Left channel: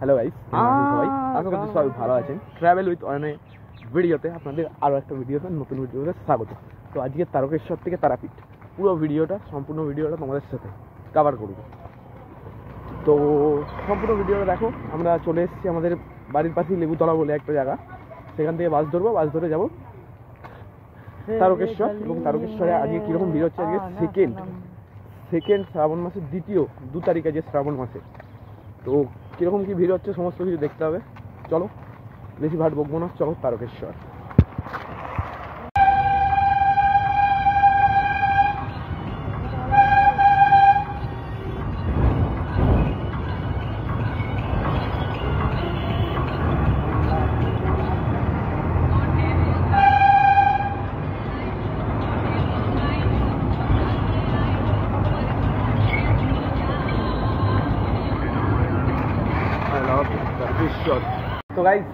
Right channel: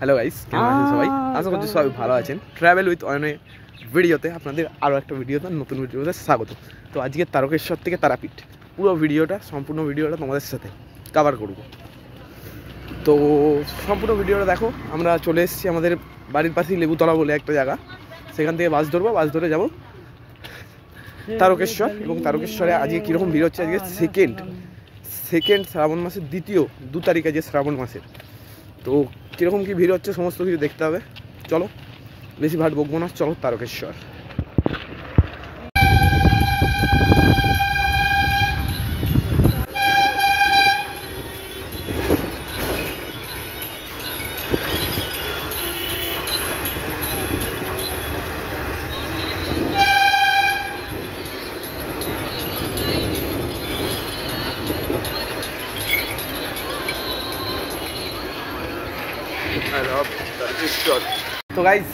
Hello guys, কেমন আছেন সবাই? আশা করছি সবাই ভালো আছেন। ট্রাভেল উইথ অয়নে ভিডিওতে আপনাদের আরও একটা ভিডিওতে নতুন ভিডিওতে স্বাগত। তো আজকে তারকেশ্বর থেকে তারাপীঠ পুরো ভিডিওটা, সম্পূর্ণ ভিডিওটা তোমাদের সাথে কভার করব। তো সম্পূর্ণ ভিডিওটা দেখো। আমরা চলে এসেছি আমাদের বাড়ির পাশেই লেবুতলা বলে একটা জায়গা, সেখান থেকে বাস ধরবো, বাস ধরে যাবো তারকেশ্বর। এবং তারকেশ্বরে আজকে কীরকম ভিড় হচ্ছে, আজকে সেকেন্ড শ্রাবণ মাসের 2 তারিখ আজকে শ্রাবণ মাসের। তো কীরকম কী ভিড় হচ্ছে সমস্ত কিছু দেখতে হবে। চলো, বেশি ভাট বকবো না, চলো তারকেশ্বর। তো গাইজ,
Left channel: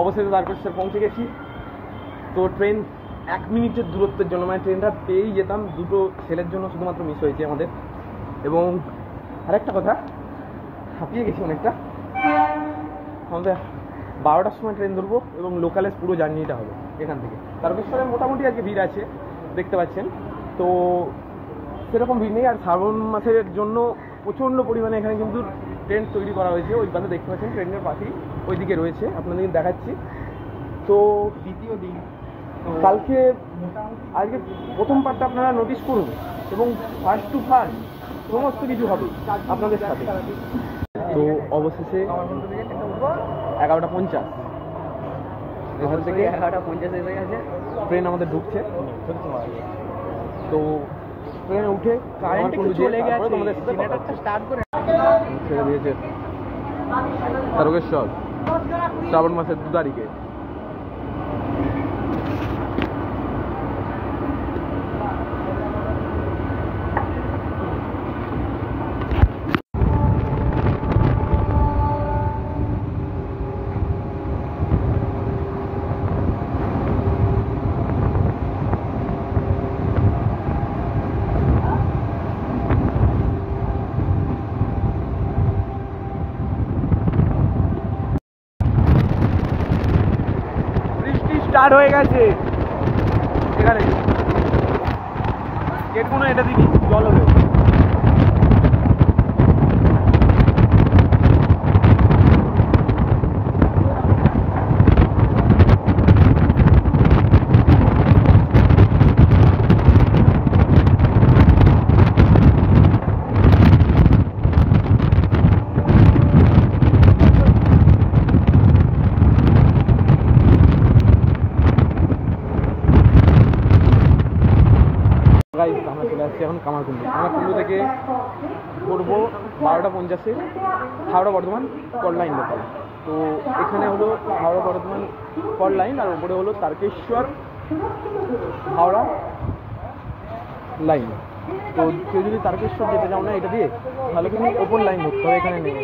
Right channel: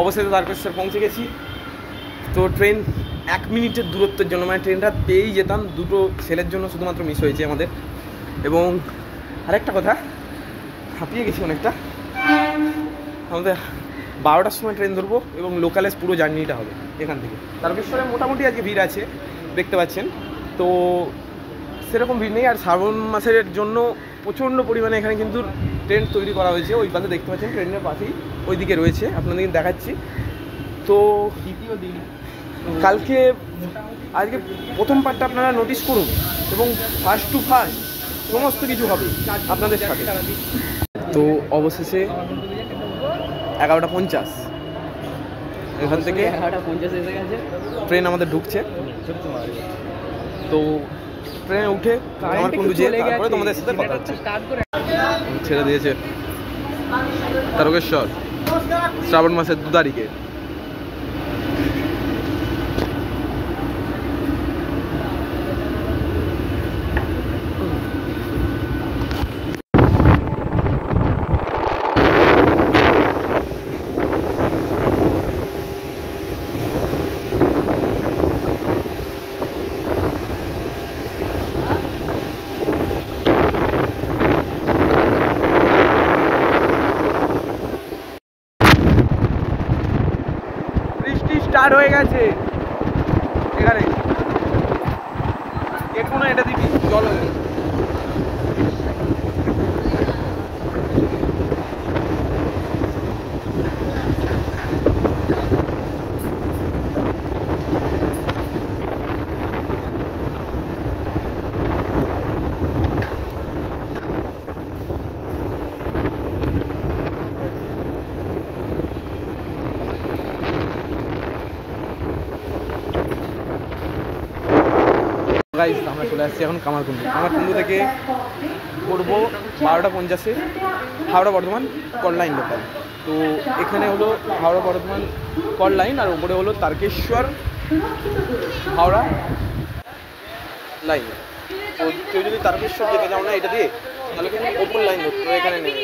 অবশেষে তারকেশ্বর পৌঁছে গেছি। তো ট্রেন 1 মিনিটের দূরত্বের জন্য, মানে ট্রেনটা পেয়েই যেতাম, দুটো ছেলের জন্য শুধুমাত্র মিস হয়েছে আমাদের। এবং আরেকটা কথা, হাঁপিয়ে গেছি অনেকটা। আমাদের 12টার সময় ট্রেন ধরবো এবং লোকালেস পুরো জার্নিটা হবে এখান থেকে। তারকেশ্বরে মোটামুটি আজকে ভিড় আছে, দেখতে পাচ্ছেন। তো সেরকম ভিড় নেই। আর শ্রাবণ মাসের জন্য প্রচণ্ড পরিমাণে এখানে কিন্তু ট্রেন তৈরি করা হয়েছে। ওই পাশে দেখতে পাচ্ছেন, ট্রেনের পাশেই ওইদিকে রয়েছে, আপনাদেরকে দেখাচ্ছি। তো দ্বিতীয় দিন কালকে, আজকে প্রথম পার্টটা আপনারা নোটিস করুন এবং ফার্স্ট টু ফার্স্ট সমস্ত কিছু হবে আপনাদের সাথে। তো অবশেষে 11:50 এখান থেকে ট্রেন আমাদের ঢুকছে। তো ট্রেনে উঠে আমার কুন্ডু যেয়ে তারপরে তোমাদের সাথে কথা হচ্ছে। ছেড়ে দিয়েছে তারকেশ্বর শ্রাবণ মাসের 2 তারিখে। স্টার্ট হয়ে গেছে এখানে, এখনো এটা দিবি জল হলে। গাইস, আমরা চলে আসছি এখন কামারকুণ্ডু থেকে করবো 12:50 Howrah Bardhaman call line local. তো এখানে হলো হাওড়া বর্ধমান কল লাইন, আর ওপরে হলো তারকেশ্বর হাওড়া লাইন। তো কেউ যদি তারকেশ্বর যেতে চাও না এটা দিয়ে, তাহলে কিন্তু ওপর লাইন ধরতে হবে এখানে নেই।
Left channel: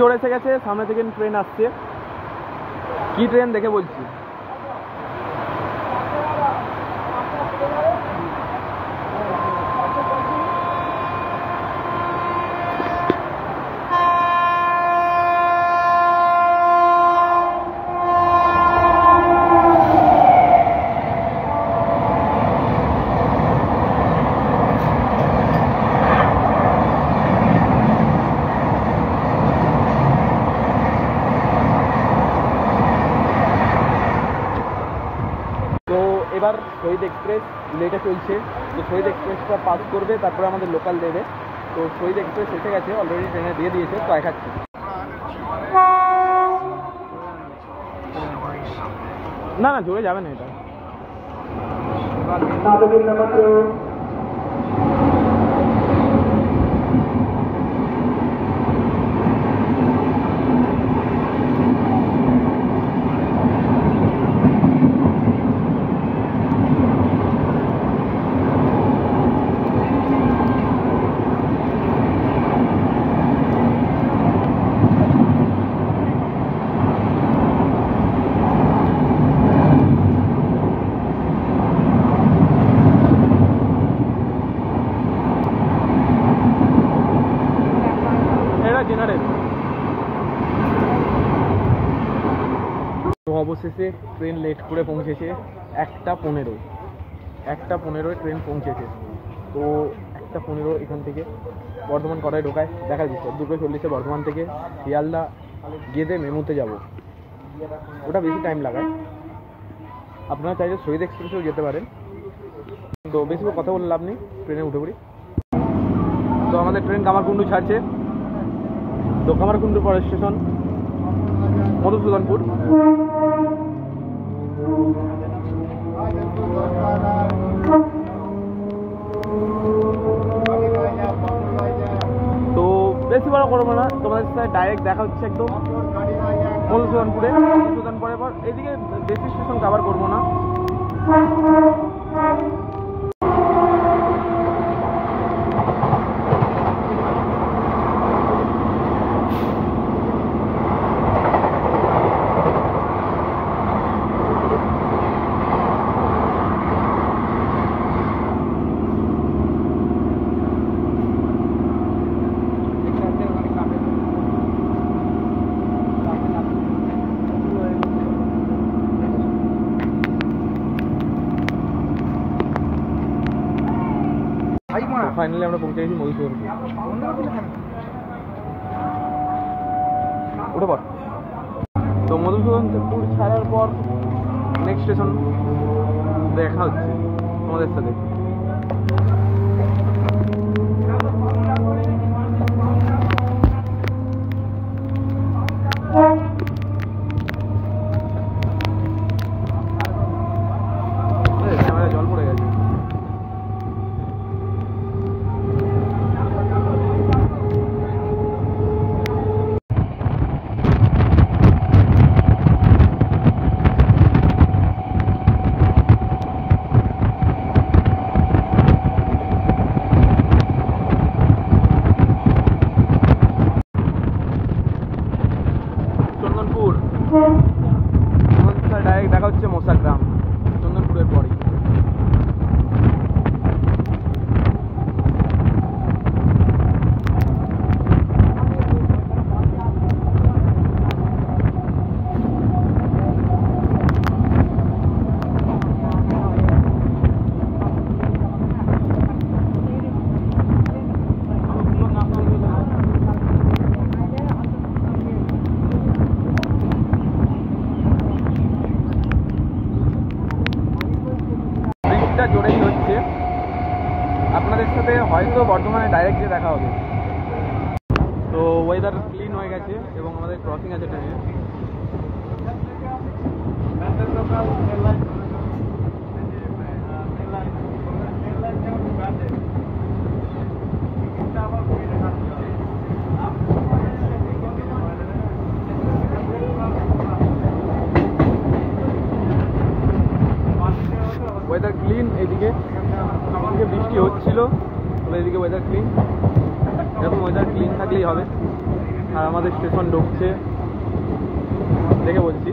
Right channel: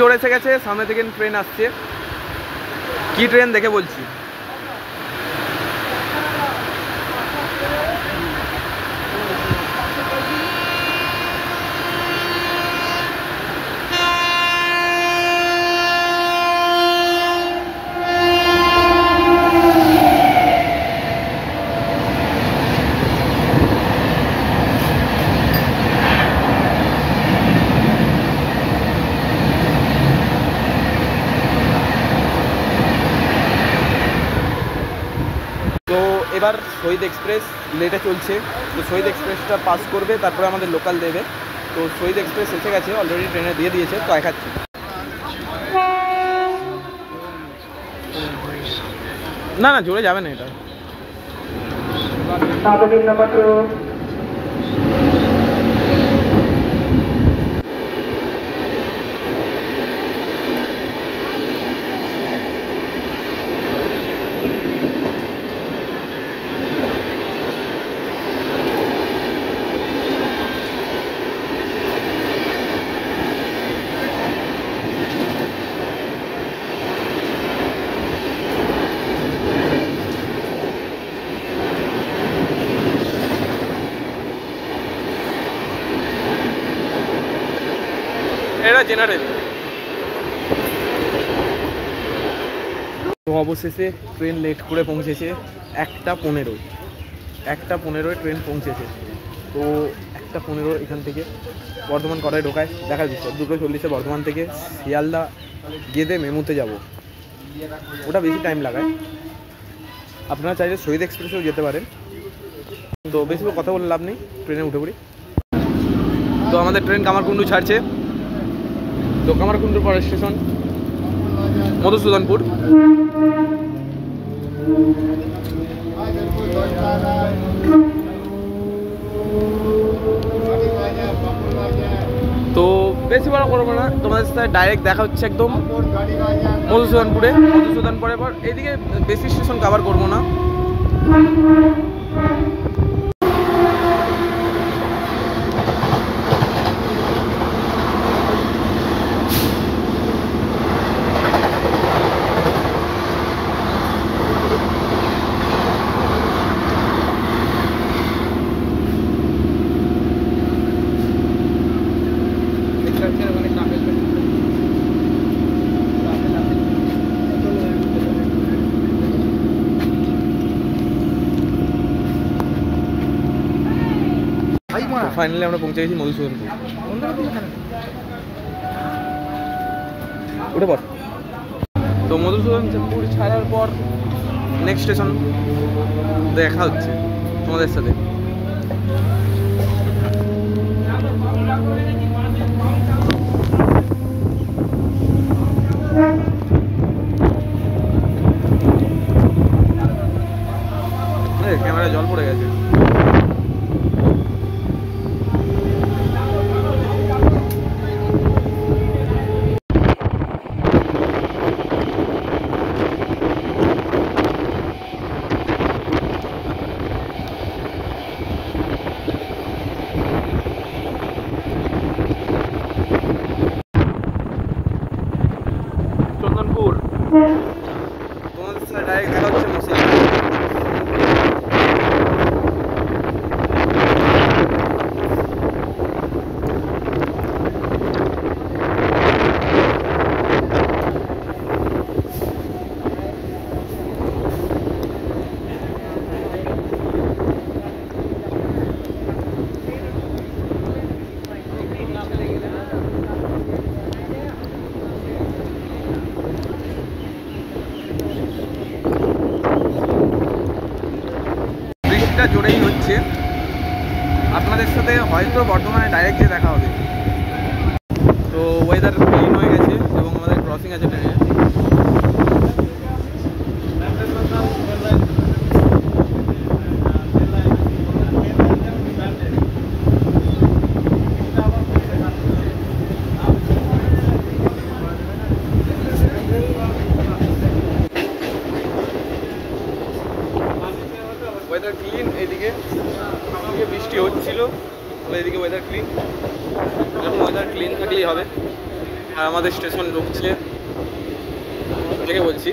জোরে এসে গেছে, সামনে থেকে ট্রেন আসছে। কি ট্রেন দেখে বলছি। এবার শহীদ এক্সপ্রেস লেটে চলছে, তো শহীদ এক্সপ্রেসটা পাস করবে, তারপরে আমাদের লোকাল দেবে। তো শহীদ এক্সপ্রেস এসে গেছে, অলরেডি ট্রেনে দিয়ে দিয়েছে, তো দেখাচ্ছি। না না, জোরে যাবে না এটা। জেনারেল। তো অবশেষে ট্রেন লেট করে পৌঁছেছে 1:15 ট্রেন পৌঁছেছে। তো 1:15 এখান থেকে বর্ধমান কটায় ঢোকায় দেখার বিষয়। 2:40 বর্ধমান থেকে শিয়ালদা গেদে মেমুতে যাব, ওটা বেশি টাইম লাগায়। আপনারা চাইলে শহীদ এক্সপ্রেসেও যেতে পারেন। তো বেশি কথা বলে লাভ নেই, ট্রেনে উঠে পড়ি। তো আমাদের ট্রেন কামারকুণ্ডু ছাড়ছে। তো কামারকুণ্ডুর পরের স্টেশন মধুসূদনপুর। তো বেশি বড় করবো না, তোমাদের সাথে ডাইরেক্ট দেখা হচ্ছে একদম মধুসূদনপুরের পর। এইদিকে বেশি স্টেশন কভার করবো না। ফাইনালি আমরা পৌঁছে গেছি মধুসূদনপুর। উঠে পর। তো মধুসূদনপুর ছাড়ার পর নেক্সট স্টেশন দেখা হচ্ছে তোমাদের সাথে। ক্যামেরা জল পড়ে গেছে। চন্দনপুর তোমাদের সাথে ডাইরেক্ট দেখা হচ্ছে মশাল। জোরেই হচ্ছে। আপনাদের সাথে হয়তো বর্ধমানে ডাইরেক্ট যে দেখা হবে। তো ওয়েদার ক্লিন হয়ে গেছে এবং আমাদের ক্রসিং আছে ট্রেনে। Weather clean. এদিকে বৃষ্টি হচ্ছিল, তবে এদিকে ওয়েদার ক্লিন। এরকম ওয়েদার ক্লিন থাকলেই হবে। আর আমাদের স্টেশন ঢুকছে দেখে বলছি।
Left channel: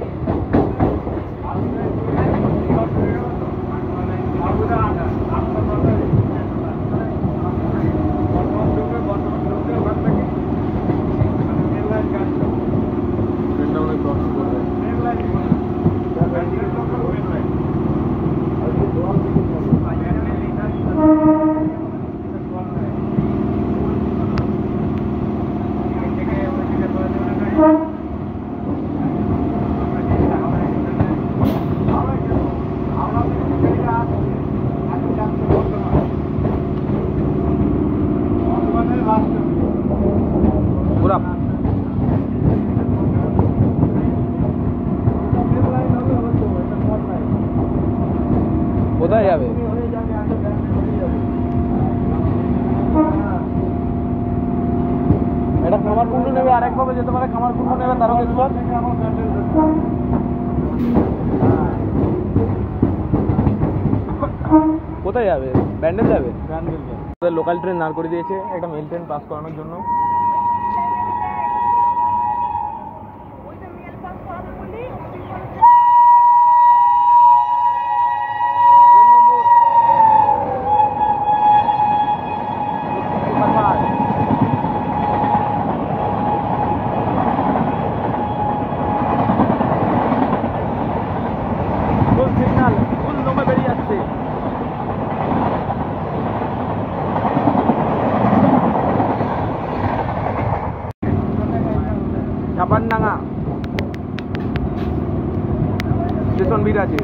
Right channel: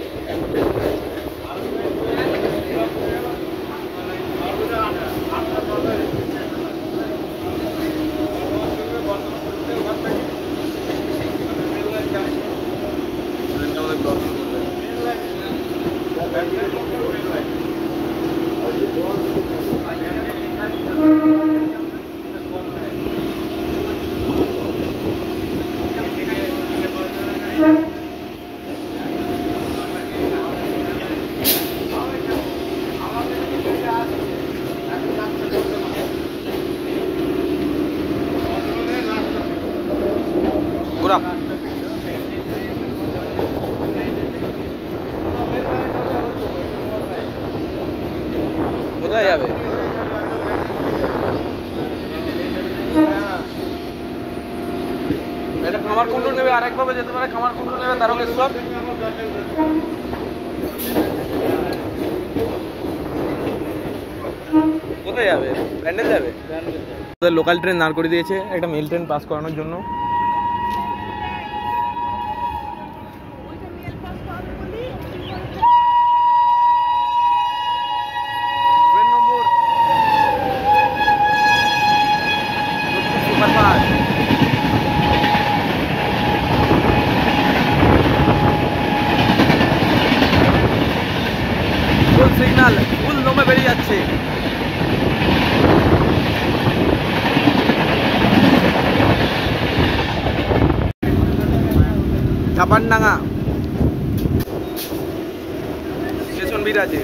কোথায় যাবে? এটা কামারকুণ্ডু নেবে, আরেকভাবে যেতে পারে। কামারকুণ্ডু নেবে তারকেশ্বর। কোথায় যাবে? ব্যান্ডেল যাবে। লোকাল ট্রেন দাঁড় করে দিয়েছে একটা মেল ট্রেন পাস করানোর জন্য। চাপানডাঙ্গা স্টেশন ভিড় আছে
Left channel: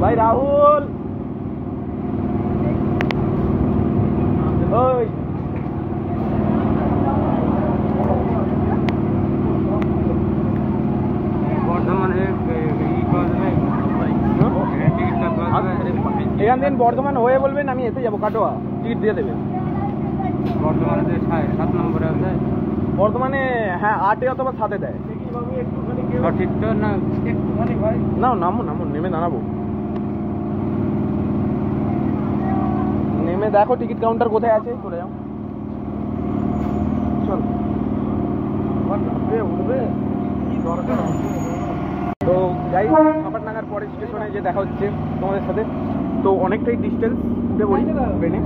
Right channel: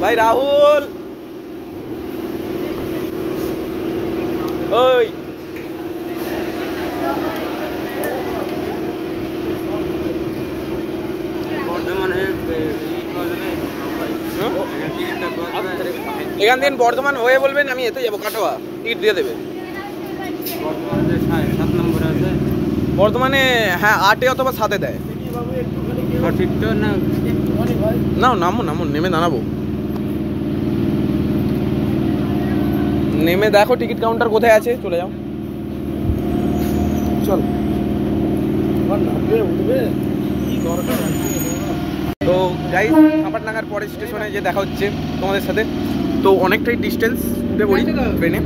ভাই। রাহুল ওই এখান থেকে বর্ধমান হয়ে বলবেন আমি এতে যাবো, কাটোয়া টিকিট দিয়ে দেবে। বর্ধমানে হ্যাঁ 8 অথবা 7 দেয়। না নামুন নামুন, নেমে দাঁড়াবো, নেমে দেখো টিকিট কাউন্টার কোথায় আছে, চলে যাও। চল তো গাইস, চাপানডাঙ্গার পরে স্টেশনে যে দেখা হচ্ছে তোমাদের সাথে। তো অনেকটাই ডিস্টেন্স, উঠে পড়ি ট্রেনে।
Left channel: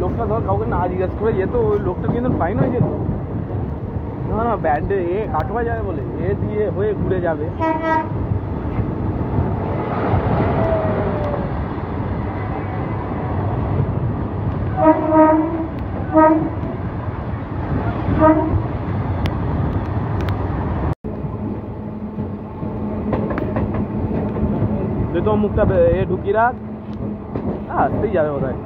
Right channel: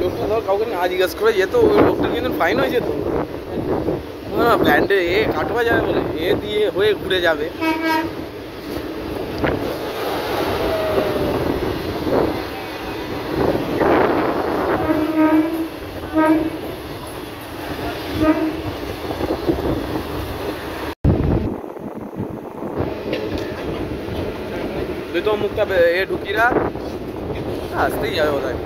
লোকটা ধর কাউকে না জিজ্ঞাসা করে যেত, ওই লোকটার কিন্তু ফাইন হয়ে যেত। হ্যাঁ ব্যান্ডে এ কাটোয়া যাবে বলে এ দিয়ে হয়ে ঘুরে যাবে। তো মুখটা এ ঢুকিরা আসতেই যাবে বোধ হয়।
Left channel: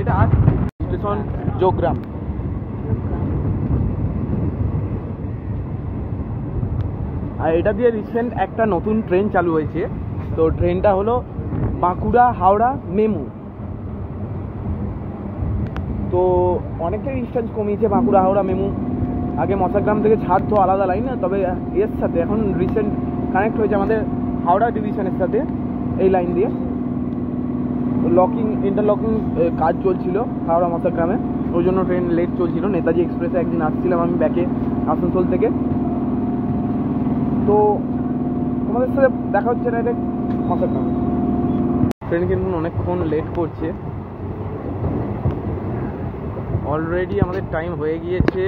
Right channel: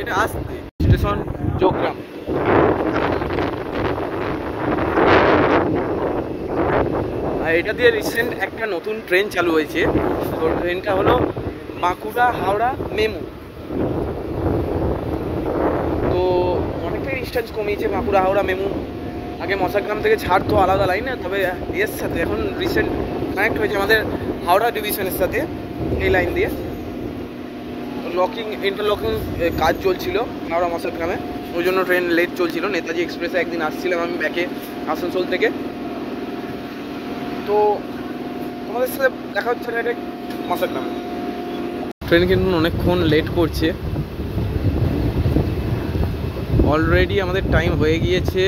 এটা আসতে স্টেশন যোগগ্রাম। আর এটা দিয়ে রিসেন্ট একটা নতুন ট্রেন চালু হয়েছে। তো ট্রেনটা হলো বাঁকুড়া হাওড়া মেমু। তো অনেকটাই ডিস্টেন্স কমিয়েছে বাঁকুড়া হাওড়া মেমু। আগে মশাগ্রাম থেকে ছাড়তো আলাদা লাইনে, তবে এর সাথে এখন রিসেন্ট কানেক্ট হয়েছে আমাদের হাওড়া ডিভিশনের সাথে এই লাইন দিয়ে। ইন্টারলকিং কাজ চলছিল হাওড়া মশাগ্রামে, ওই জন্য ট্রেন লেট চলছিল। নেতাজি এক্সপ্রেসে একদিন আসছিলাম আমি ব্যাকে আসানসোল থেকে। তো তোমাদের সাথে দেখা হচ্ছে না এটা মশাগ্রামে। ট্রেন কিন্তু অনেকক্ষণ লেট করছে, অলরেডি আমাদের টাইম হয়ে গিয়েছে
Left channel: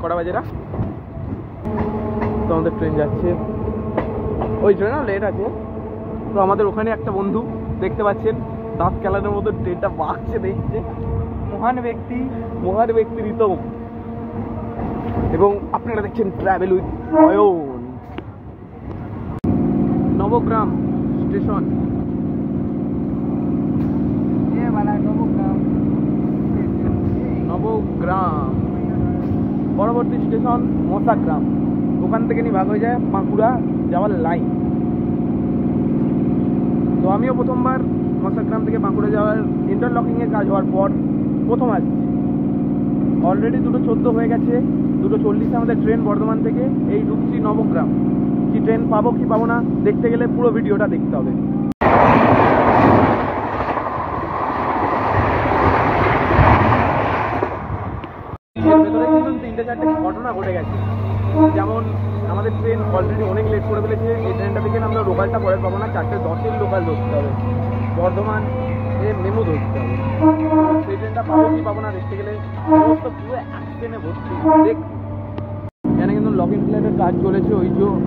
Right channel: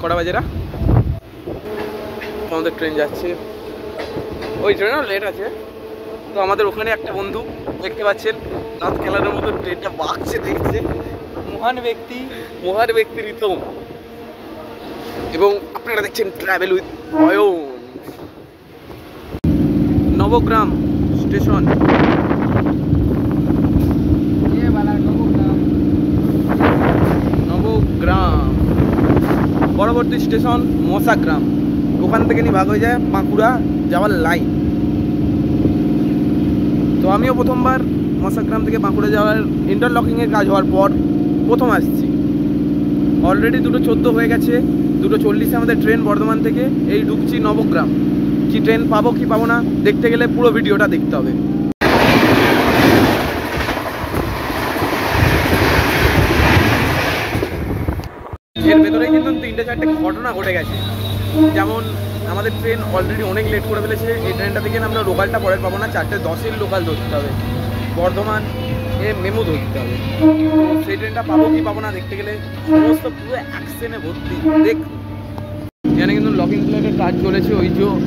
কটা বাজেরা। তো আমাদের ট্রেন যাচ্ছে, ওই ট্রেনও লেট আছে। তো আমাদের ওখানে একটা বন্ধু দেখতে পাচ্ছেন দাঁত খেলানোর মতো ট্রেনটা বাঁকছে দেখছে, মহান ব্যক্তি রিতম। এবং আপনারা দেখছেন travel with Ayan. Nabagram station, Nabagram পরবর্তী স্টেশন মশাগ্রাম। ওখান থেকে নিয়ে ভাগ হয়ে যায় বাঁকুড়া যাওয়ার লাইন। তো আমিও প্রথমবার মশাগ্রাম থেকে বাঁকুড়া যাওয়ার ইন্টারলকিংয়ের কাজ হওয়ার পর প্রথম আসছি। অলরেডি 2:14 হয়ে গেছে, 2:40 আমাদের ট্রেন বর্ধমান থেকে। এই ঢুকছি নবগ্রাম। কি ট্রেন পাবো কি পাবো না দেখতে গেলে পুরো ভিডিওটা দেখতে হবে। এর ভেতরে কিন্তু 3-4টে ঘটনা ঘটে গেছে। যেমন আমাদের ট্রেন অলরেডি অনেক লেট করে ফেলেছে। এই ট্রেনটা থেকে আমরা লোকালটা পরে পাবো না, 4:10-এর লোকাল ধরতে হবে, বর্ধমান এ মেমু ধরতে হবে। তো সেই ট্রেনটা পাবো কি পাবো না দেখতে গেলে সমস্ত পুরো অ্যাক্সিডেন্টে ভর্তি। এখানে কিন্তু লকিং প্লেটের কাজ চলেছে।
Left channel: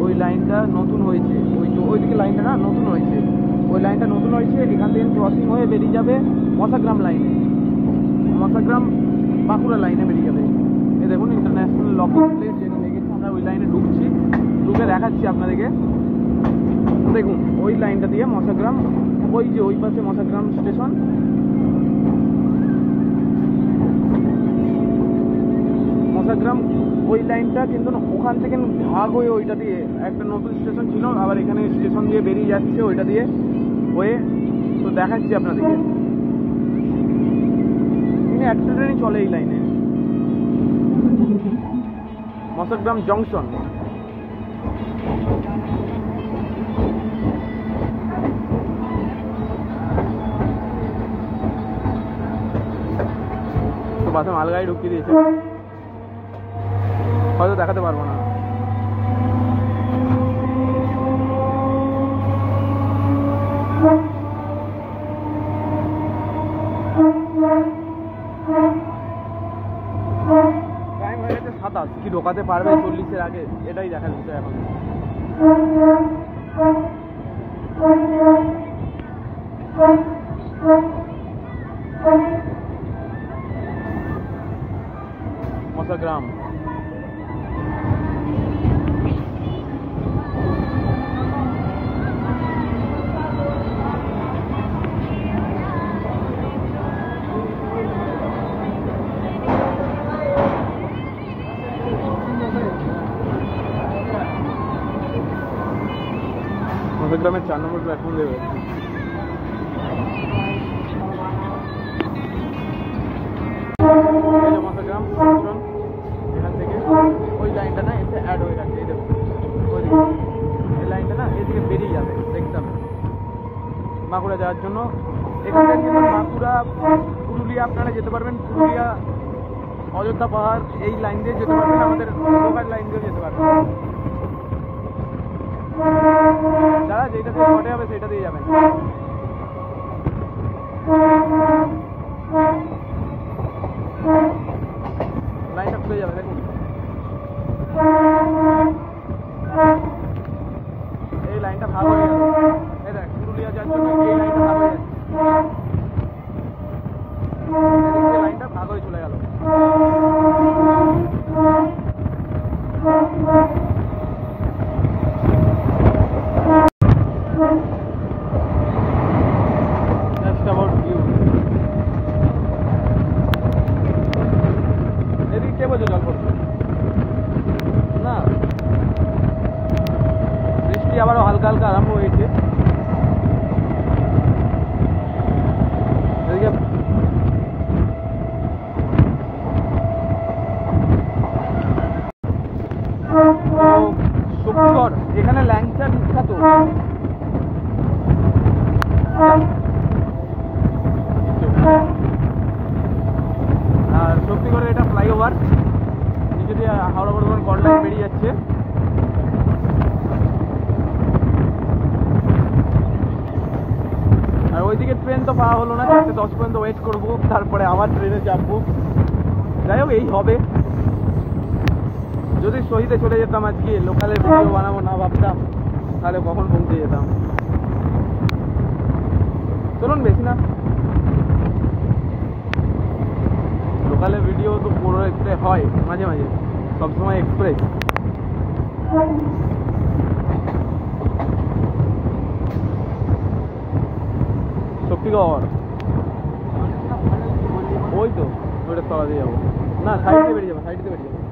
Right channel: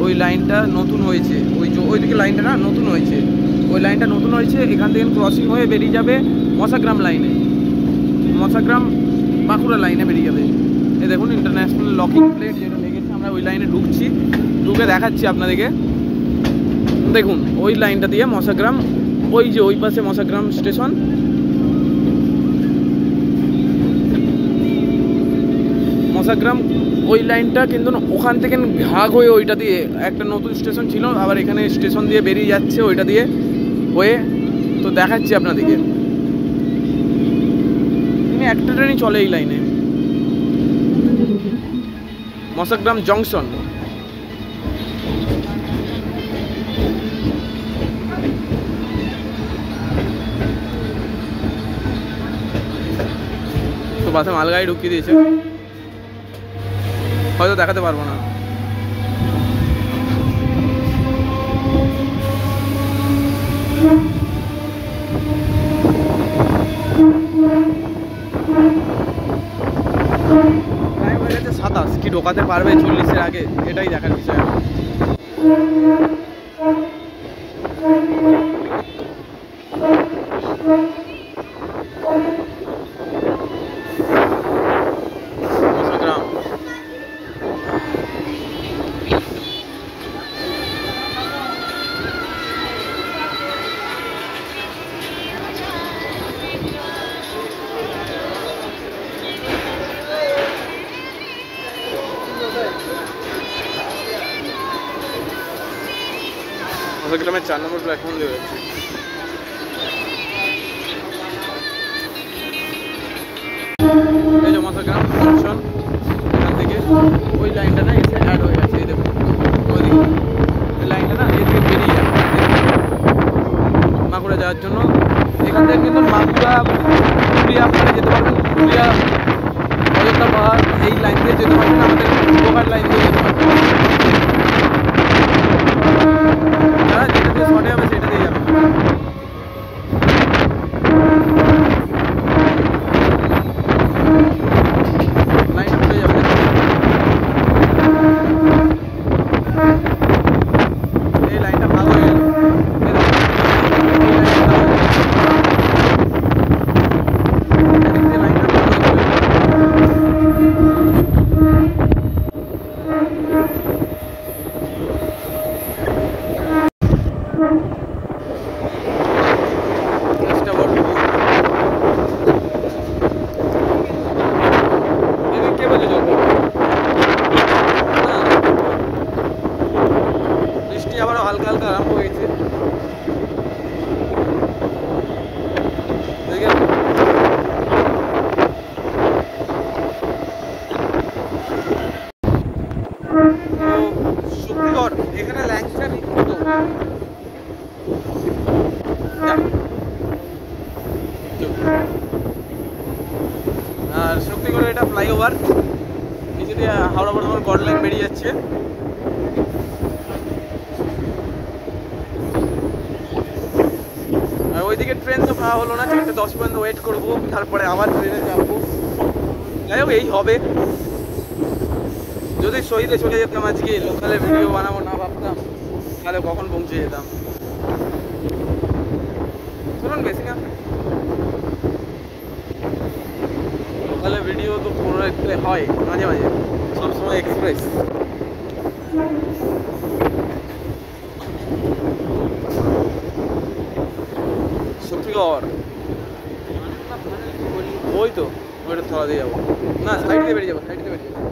ওই লাইনটা নতুন হয়েছে, ওইদিকে লাইনটা না নতুন হয়েছে, ওই লাইনটা নতুন হয়েছে। এখান থেকে ক্রসিং হয়ে বেরিয়ে যাবে মশাগ্রাম লাইনে, মশাগ্রাম বাঁকুড়া লাইনে বেরিয়ে যাবে। এই দেখুন ইন্টারন্যাশনাল লকিং প্লেট যেটা লেগেছে। আমরা ওই লাইনে ঢুকছি, ঢুকে দেখাচ্ছি আপনাদেরকে। দেখুন ওই লাইনটা দিয়ে মশাগ্রাম, ওই পাশে মশাগ্রাম স্টেশন। মশাগ্রাম ওই লাইনটা কিন্তু ওখান থেকে ভাগ হয়ে ওইটা দিয়ে একটা নতুন স্টেশন ছিল, আবার এখানে স্টেশন দিয়ে বেরিয়ে যাচ্ছে ওইটা দিয়ে হয়ে। তো দেখাচ্ছি আপনাদেরকে, একটা ট্রেনই চলে এই লাইনে, মশাগ্রাম জংশন। বাসে মালগাড়ি ঢুকিয়ে দিয়েছে, হয়তো দেখাতে পারবো না। টাইম হয়ে গেছে 27, কি ঢোকাতে পারবে 40-এর আগে, এটাই দেখার বিষয়। গ্রাম গ্রামের 4 নম্বর প্ল্যাটফর্ম দিয়ে যাচ্ছে। এই যে মশাগ্রাম জংশন, এখান থেকে ওই লাইনটা না এসে অ্যাড হয়ে গেছে। এই দেখুন ওইদিকে এই লাইনটা না এদিকে বেরিয়ে যাচ্ছে মাগুরা যাওয়ার জন্য। এখান থেকে কিন্তু মাগুরা পুরুলিয়া আপনারা যেতে পারবেন, পুরুলিয়া অযোধ্যা পাহাড় এই লাইন দিয়ে যেতে পারবেন, আমাদের ঢোকার লাইন দিয়ে যেতে পারবেন। যারা যেটা দিয়ে শর্টে যাবে সেটা দিয়ে যাবে। লাইনটা খুলে যাবে, এই লাইনটা ভাগ হয়ে গেল। বৃষ্টি আবারও হালকা হালকা আরম্ভ হয়েছে। শক্তিগড়, এখানে ল্যাংচা বিখ্যাত। আর শক্তিগড়ের এটা ফ্লাইওভার, নিচে দিয়ে হাওড়া বর্ধমান গড় লাইন বেরিয়ে যাচ্ছে। আর ওইদিকে ট্রেন তো পাওয়া হলো না, 4:10 পর্যন্ত ওয়েট করবো, তারপরে আবার ট্রেনে চাপবো। যাই হোক, এই হবে। যদি শহীদে চলে যেতাম আজকে, লোকালের ভিডিও বানাবো না ভাবতাম, তাহলে কখন পৌঁছে যেতাম। চলুন বেশি না, লোকালের ভিডিও তো করতে হয় মাঝে মাঝে, সবসময় এক্সপ্রেস। শক্তিগড় ওই তো, ওইটা তলা দিয়ে যাবো না, সাইড দিয়ে বেরিয়ে যাবো, সাইড দিয়ে বেরিয়ে যাবো।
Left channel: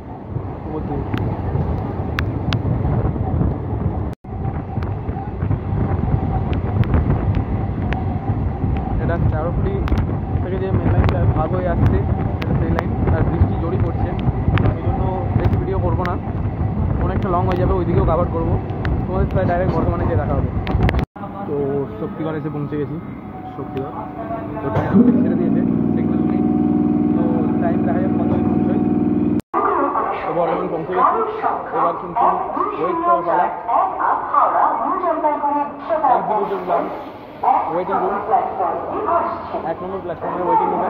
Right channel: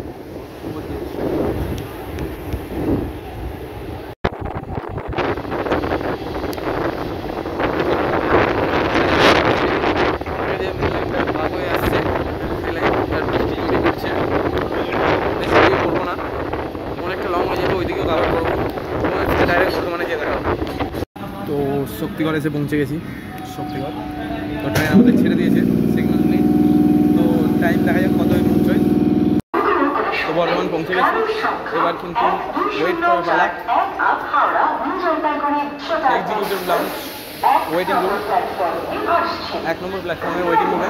ভাগ হয়ে আসছে সেই লাইন, আর বৃষ্টি জড়ি করছে, বেশি ভিডিও করবো না, অনেকটা লং হয়ে যাবে। ওইদিকেও কাভার করবো, তোমাদের সাথে ডাইরেক্ট বর্ধমানে গিয়ে দেখা হবে। তো শক্তিগড় এসে পৌঁছে গেছি। শক্তিগড় তো ট্রেন আমাদের ছেড়ে দিয়েছে, সিগন্যাল নেই। তো টাইম দেখা যাক কত পৌঁছয়। তো বর্ধমান পৌঁছে গেছি, এবার কিন্তু ওয়েট করা পালা। এক্সিকিউটিভ লঞ্চ ওয়েটিং রুম, 1 নম্বর প্ল্যাটফর্মের ওয়েটিং রুমে।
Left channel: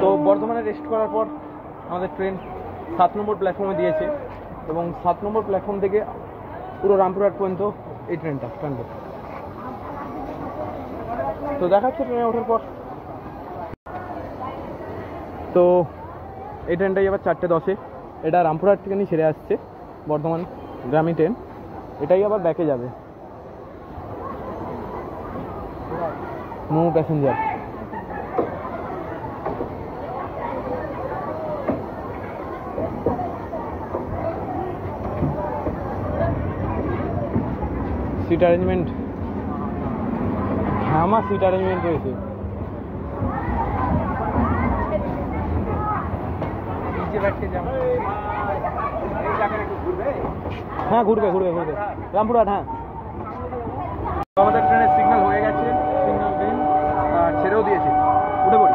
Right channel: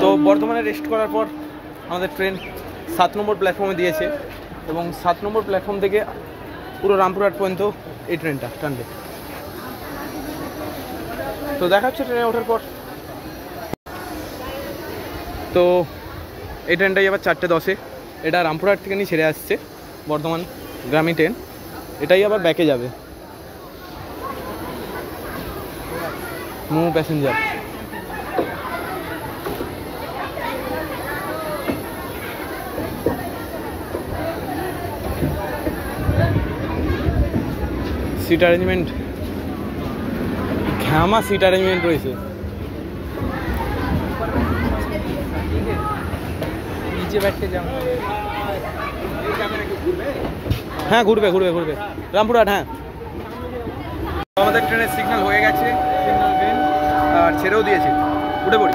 তো বর্ধমানে রেস্ট করার পর আমাদের ট্রেন 7 নম্বর প্ল্যাটফর্মে দিয়েছে, এবং 7 নম্বর প্ল্যাটফর্ম থেকে পুরো রামপুরহাট পর্যন্ত এই ট্রেনটা টানবে। তো দেখা হচ্ছে ট্রেনে ওঠার পর। তো এই ট্রেনটাই আবার 4:10-এ, এটা রামপুরহাট থেকে নিয়ে ছেড়ে আসছে বর্ধমান গ্রামীণ ট্রেন, এটাই আবার ব্যাকে যাবে। No passenger. সিট অ্যারেঞ্জমেন্ট, ঘামা সিট অ্যারেঞ্জমেন্ট রয়েছে। হ্যাঁ ঘুরবে রামপুরহাট, হ্যাঁ। আমাদের ট্রেনের সিগন্যাল হয়ে গেছে, সিগন্যাল গ্রিন, আর ছেড়েও দিয়েছে। উঠে পড়ি।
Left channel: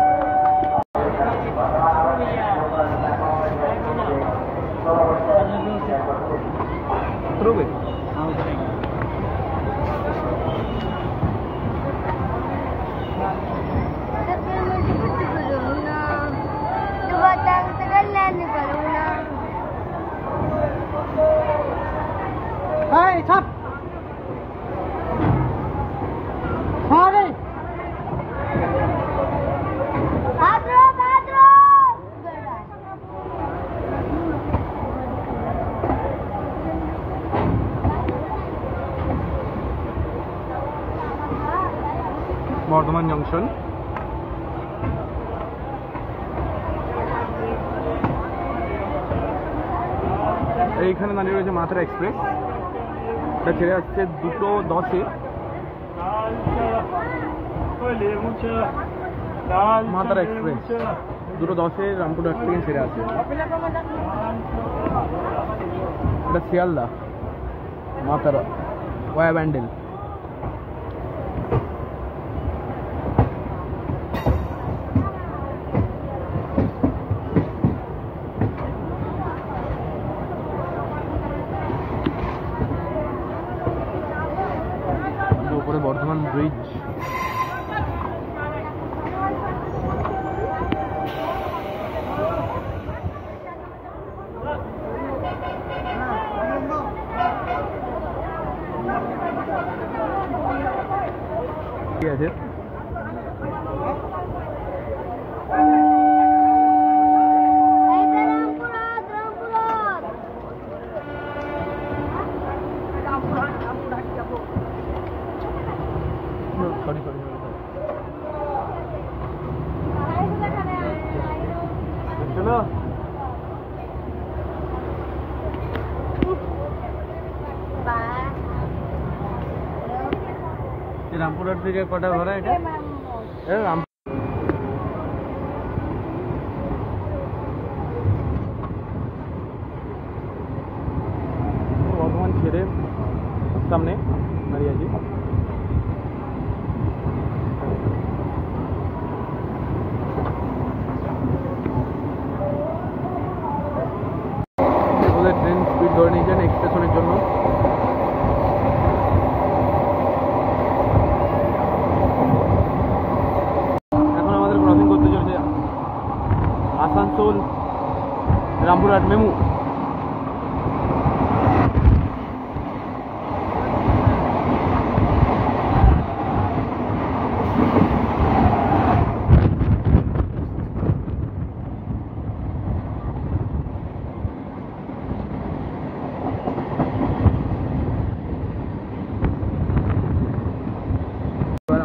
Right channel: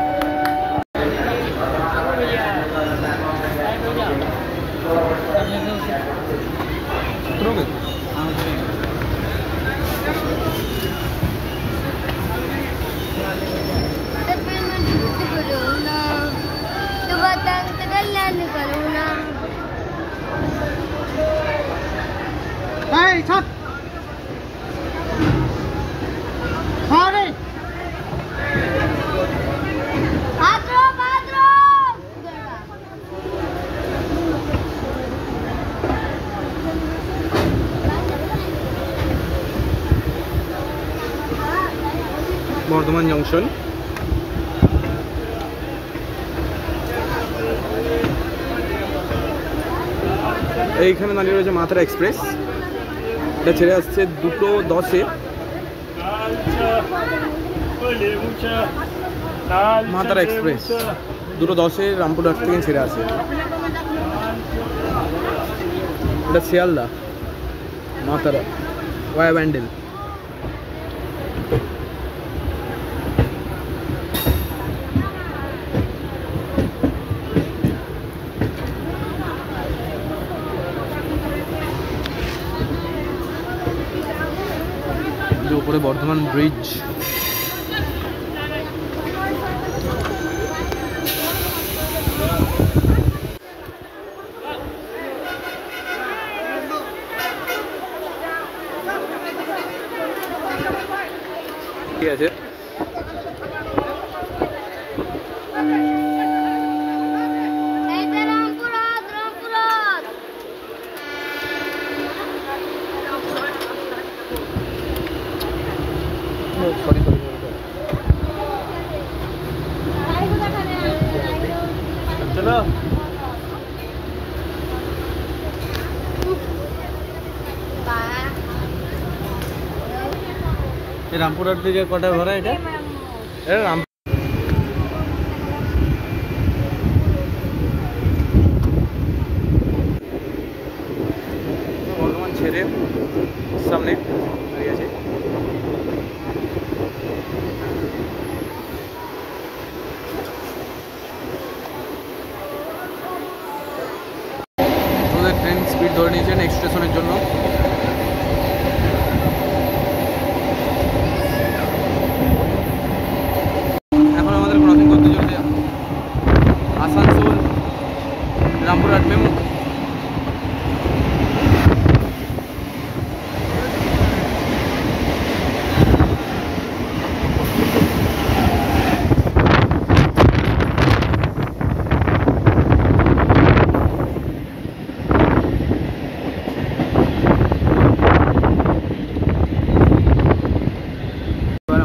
বর্ধমান জংশন। এইখানে দাঁড়িয়ে রয়েছে মাথারা এক্সপ্রেস, এটা ছেড়ে আসছে 2:10-এ। মাথারা এক্সপ্রেস 2:10-এ রামপুরহাট থেকে ছেড়ে আসে। এটা শিয়ালদা মাথারা ওয়া ব্যান্ডেল। উপরে বর্ধমান ব্রিজ। ঠিক আছে, সরি সরি চলো। রামপুরহাট থেকে কটা ভাড়া এটা? বর্ধমান ছেড়ে সামনে দাঁড়িয়ে আছে। ট্রেন স্পিড ধরে নিয়েছে নেক্সট স্টেশনের জন্য। এখন আমাদের ক্রসিং করতে চলছে আসানসোল রামপুরহাট মেমু।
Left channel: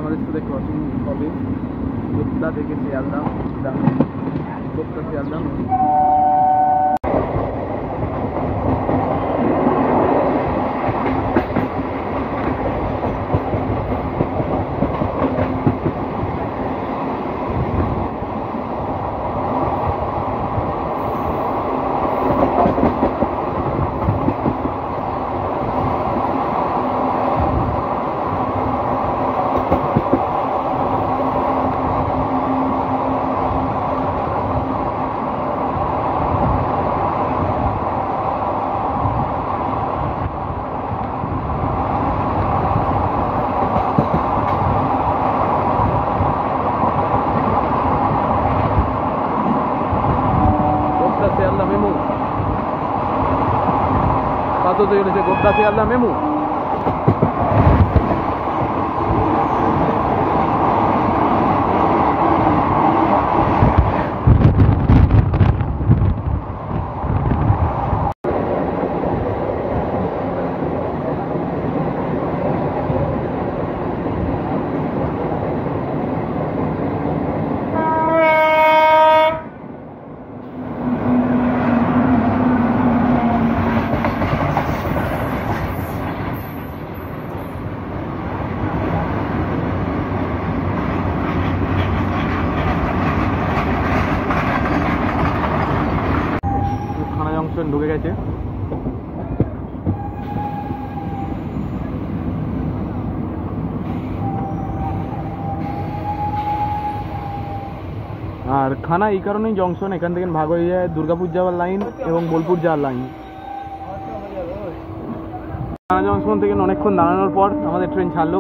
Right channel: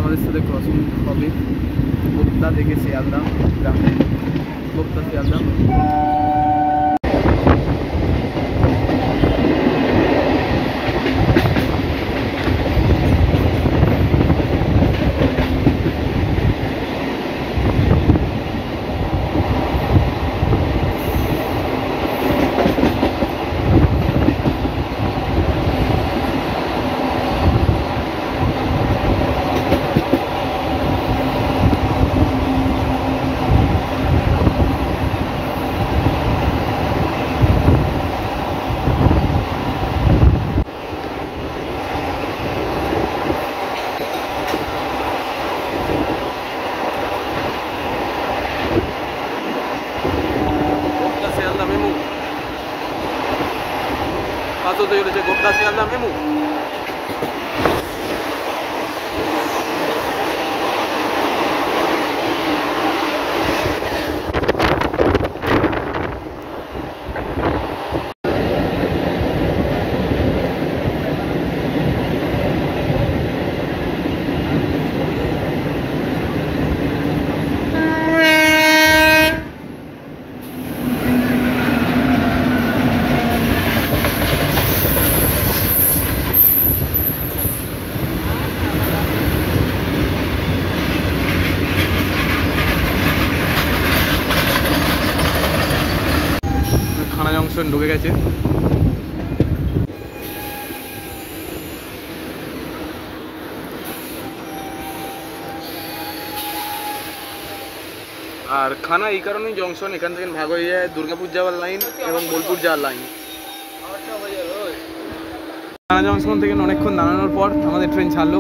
আমাদের সাথে ক্রসিং হবে গোপ্তা থেকে শিয়ালদা, গোপ্তা শিয়ালদা। শিয়ালদা মেমু পাস হতে চলেছে, গোপ্তা শিয়ালদা মেমু। জংশন ঢুকে গেছে। আর খানা এই কারণেই জংশন, এখান থেকে ভাগ হয়ে যায় দুর্গাপুর যাওয়ার লাইন এবং বোলপুর যাওয়ার লাইন। খানা জংশন থেকে অনেকক্ষণ দাঁড়ানোর পর আমাদের ট্রেন ছাড়লো।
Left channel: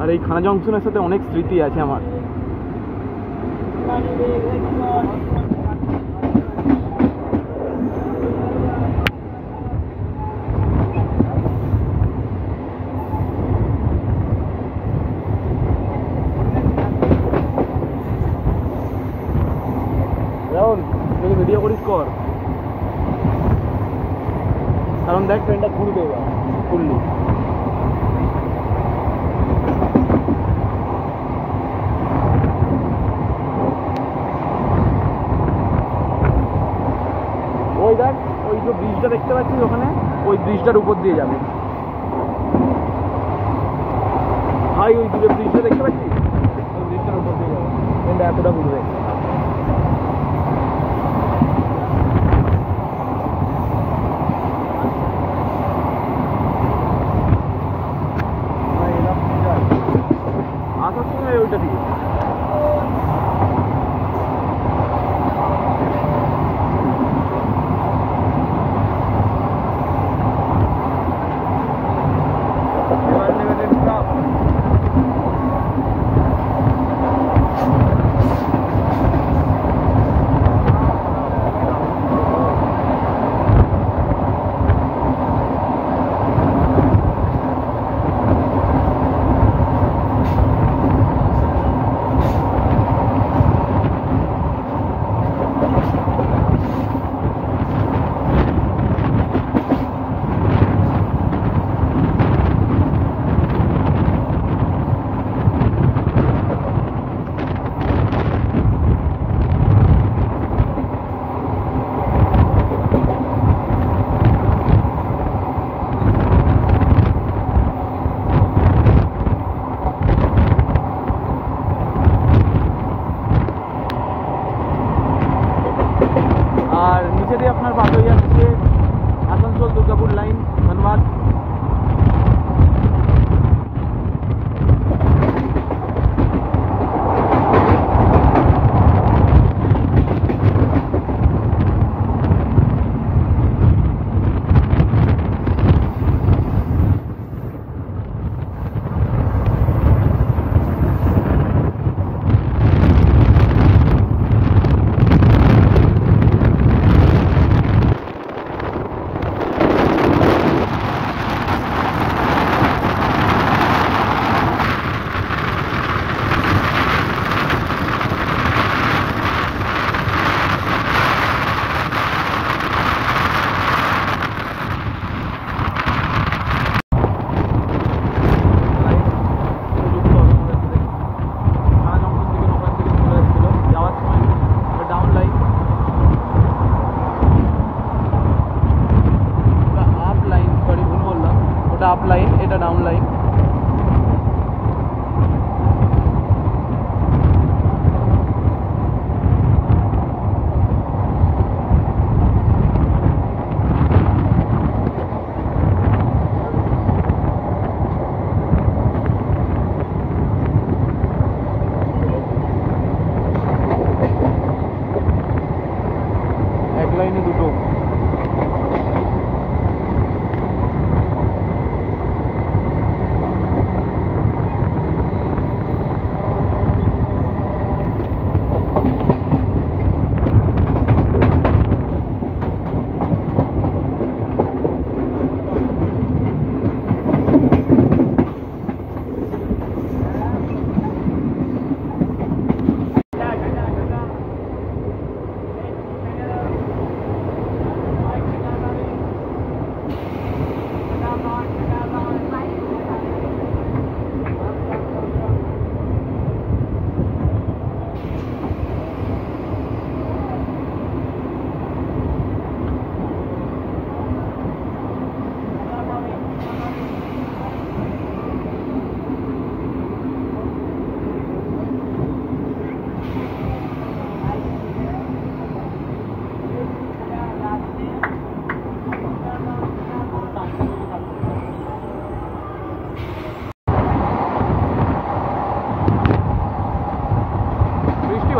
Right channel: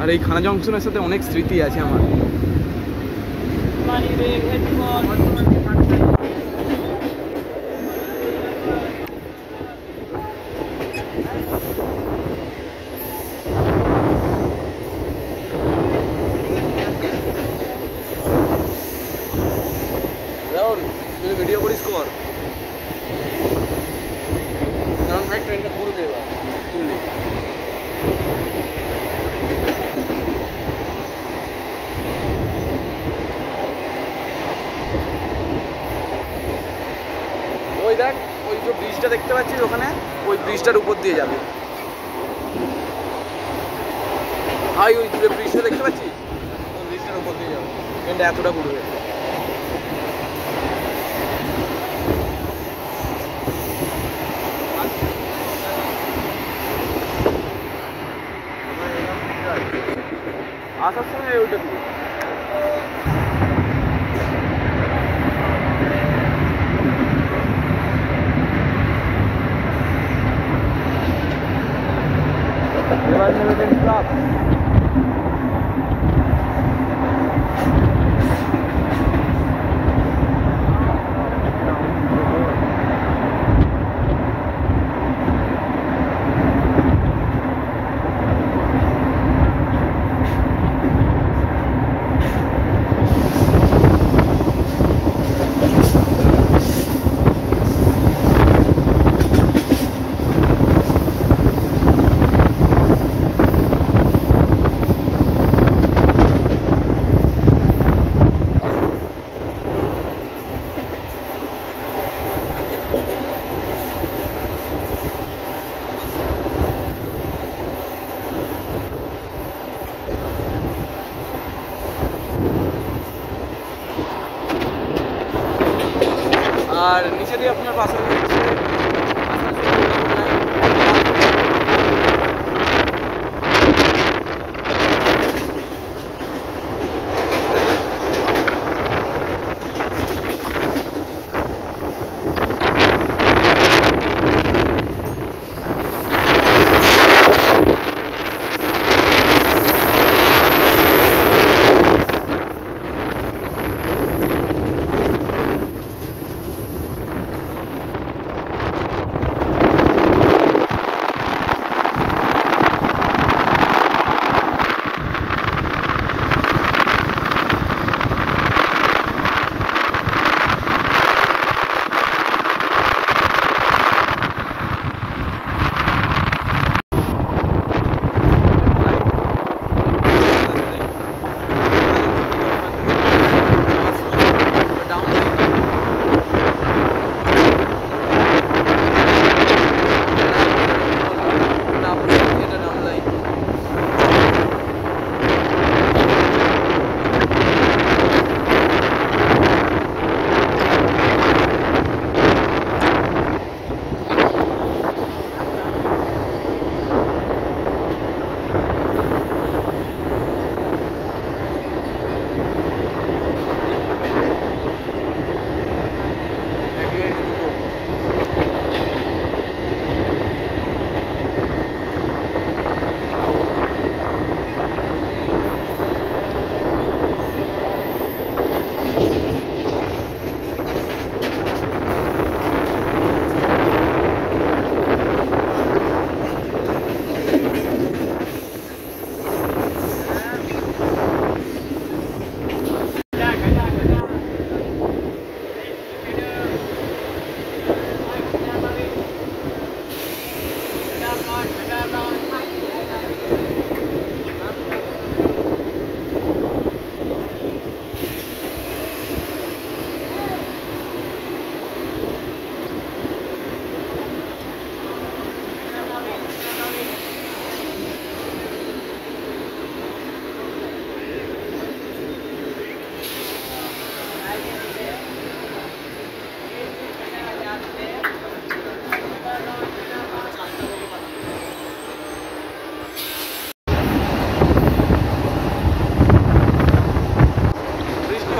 আর এই খানা জংশনের সাথে অনেক স্মৃতি আছে আমার। যদি ভিডিও করিস কর, কারণ দেখ ট্রেনটা ঘুরবে এবার ফুললি। ওই দেখ ওই যে ব্রিজটা দেখতে পাচ্ছিস ওখানে, ওই ব্রিজটার উপর দিয়ে যাবে ভাই। ওই দূরে ব্রিজটা দেখতে পাচ্ছিস, ওই ব্রিজটার উপর দিয়ে যাবে, ট্রেনটা এতটা ঘুরবে। আসার সময় ওইটা দিয়ে আর নিচে দিয়ে আপনার পাস হয়ে যাচ্ছে আসানসোল দুর্গাপুর লাইন।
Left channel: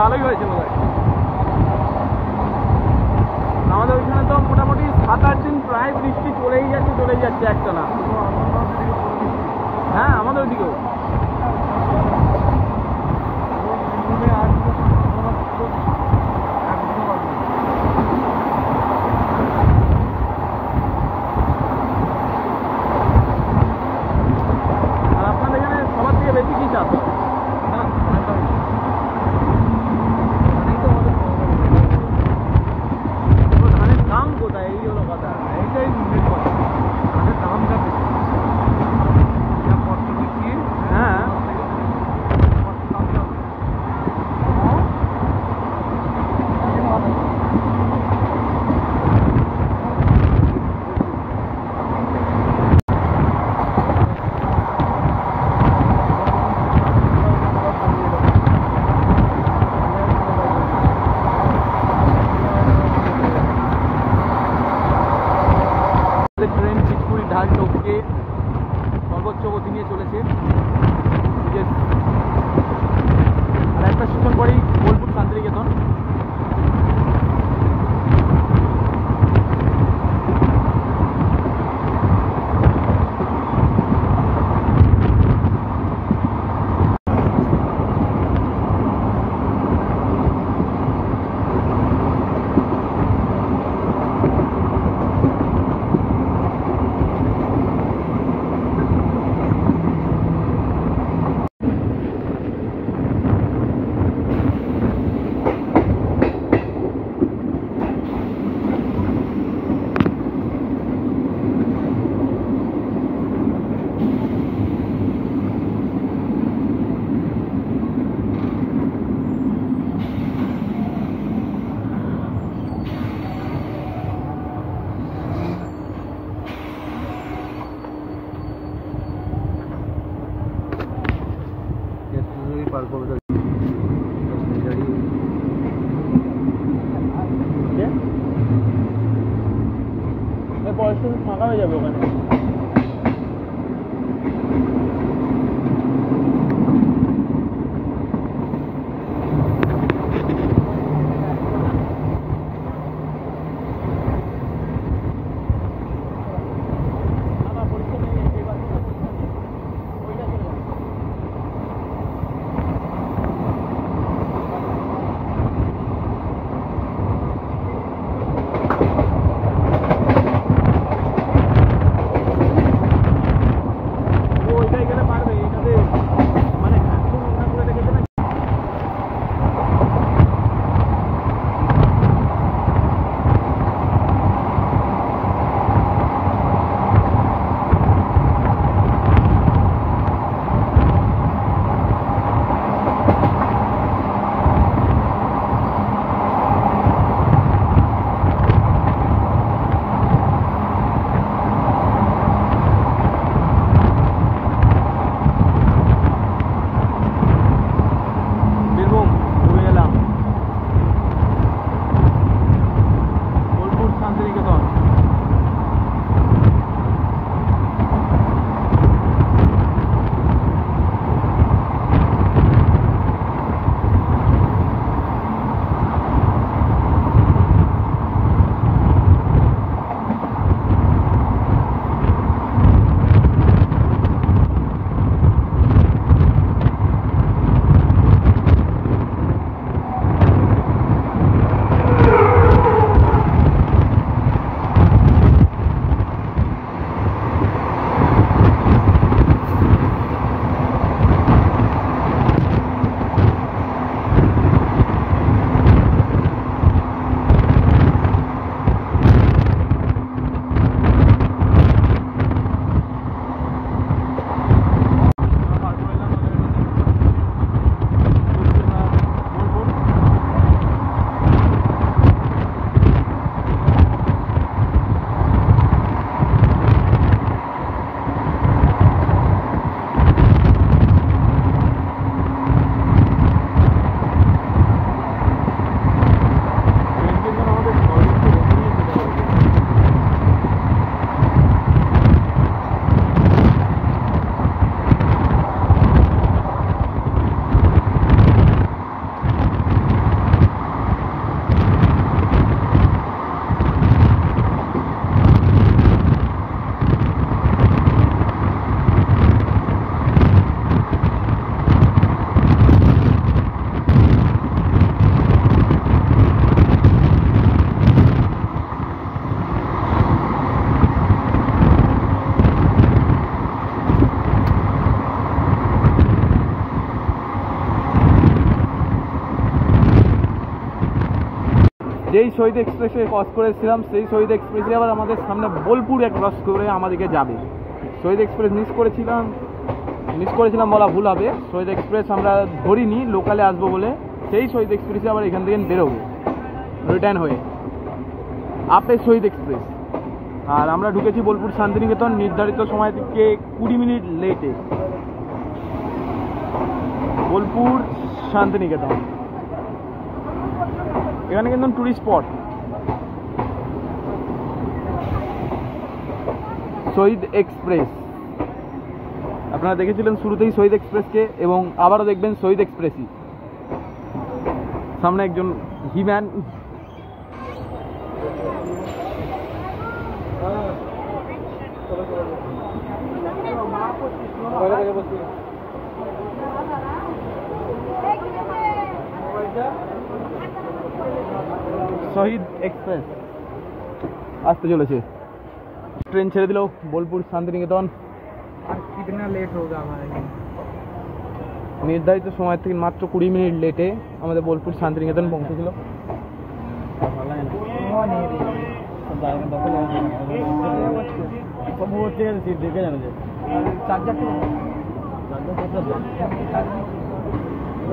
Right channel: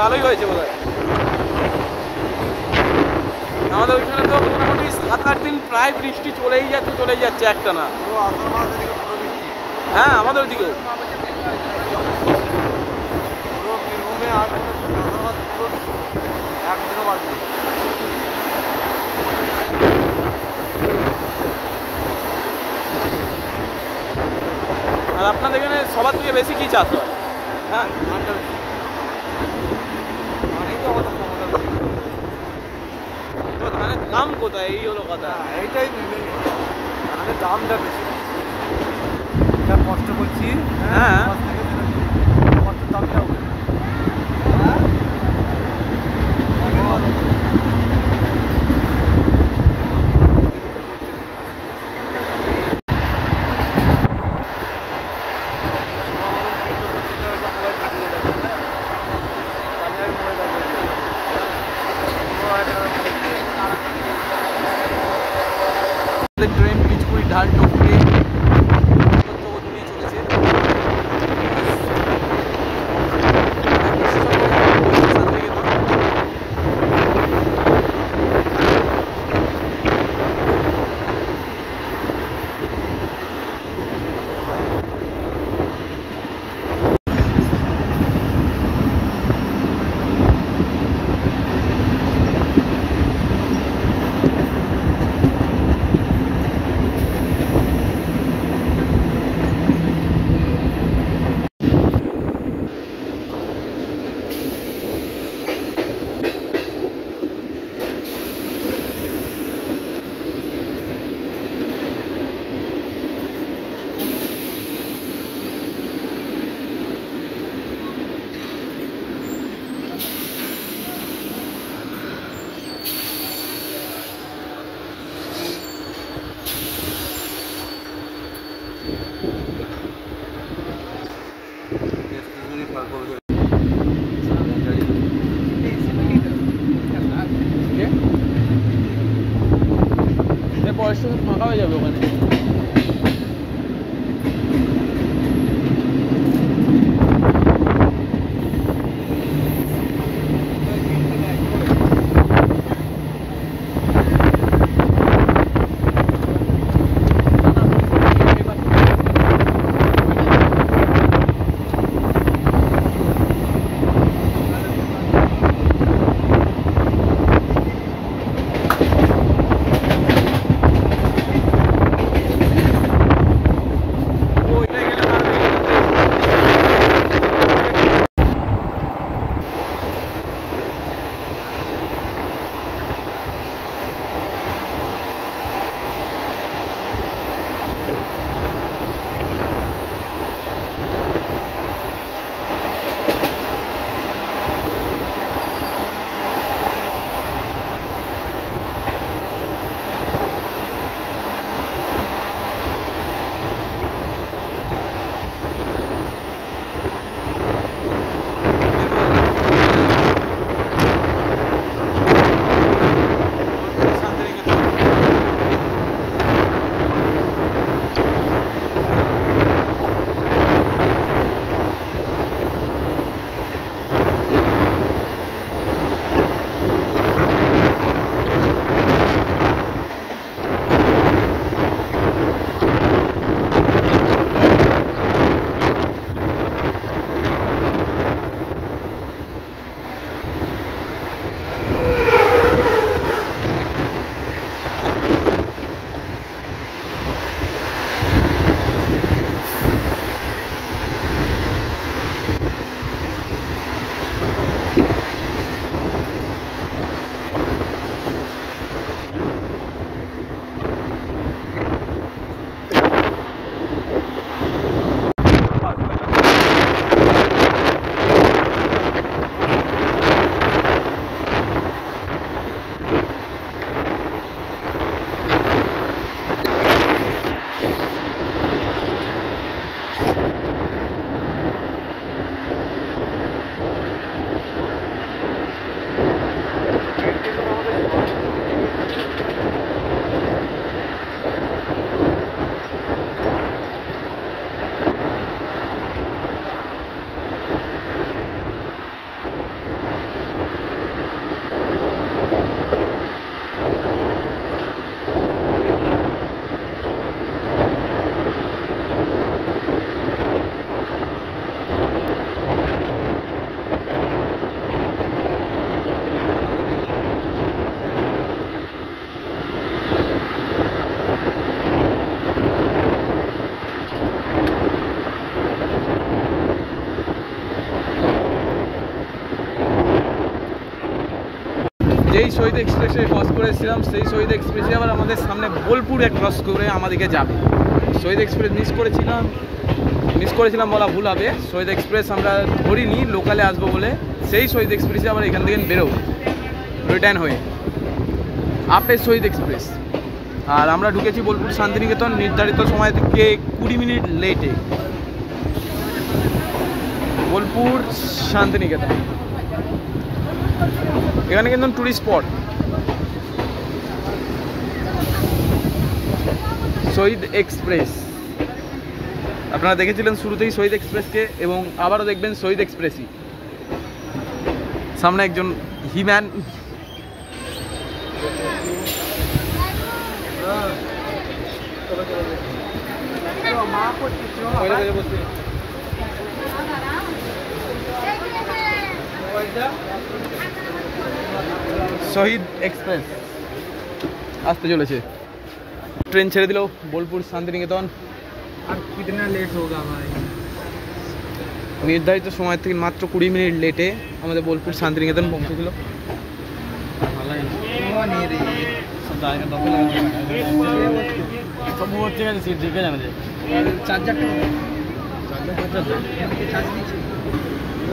ভালোই হয়েছে বোধহয়। আমাদের ওইখানে তো মোটামুটি 7-8 দিন প্রায় বৃষ্টি চলেই যাচ্ছে একটা না। হ্যাঁ আমাদের ওদিকেও। আর আপনাদের এখানে সবার থেকে বেশি কি চাষ হয়? হ্যাঁ ধানের দাম কোথায়, এই হলো কথা। এইটাই দামটা বেশি কষ্ট করছি। হ্যাঁ ট্রেন পিচকুড়ি ঢাল টপকে গতি নিয়ে চলেছে। একটা স্টেশন পরে বলছে শান্তিনিকেতন। পরের স্টেশন ফাঁকা হয়ে যাবে ওখানে। যেই শহীদ এক্সপ্রেসে ক্রস করেছিলাম সেই শহীদ এক্সপ্রেসে আবার আমাদের সামনে বোলপুরে ক্রস করে আমাদেরকে যাবে। শহীদ এক্সপ্রেস মিস করেছিলাম বলা ভুল হবে। শহীদ এক্সপ্রেস আমরা ধরিনি, লোকালে আসবো বলে সেই শহীদ এক্সপ্রেসে আবার এখান থেকে বেরোবো রিটার্ন হয়ে আপের শহীদ এক্সপ্রেস। আর আমরা ঢুকেছি বোলপুর শান্তিনিকেতন নির্ধারিত সময় থেকে 20 মিনিট লেটে। বোলপুর শান্তিনিকেতন এখানে কিন্তু টুরিস্ট স্পট। শহীদ এক্সপ্রেস আপনারা দেখেছিলেন শুরুতেই শহীদ এক্সপ্রেসকে, এবং আবারও দেখবেন শহীদ এক্সপ্রেসই। সামনে একজন হিম্যান শহীদ এক্সপ্রেস আসতে চলেছে। ট্রেন ছেড়ে দিল বোলপুর শান্তিনিকেতন। আর কিতনা লেট হোগা ভাই? নির্ধারিত সময় থেকে মাত্র 20 মিনিট লেটে আমাদের বোলপুর শান্তিনিকেতন পৌঁছেছিল।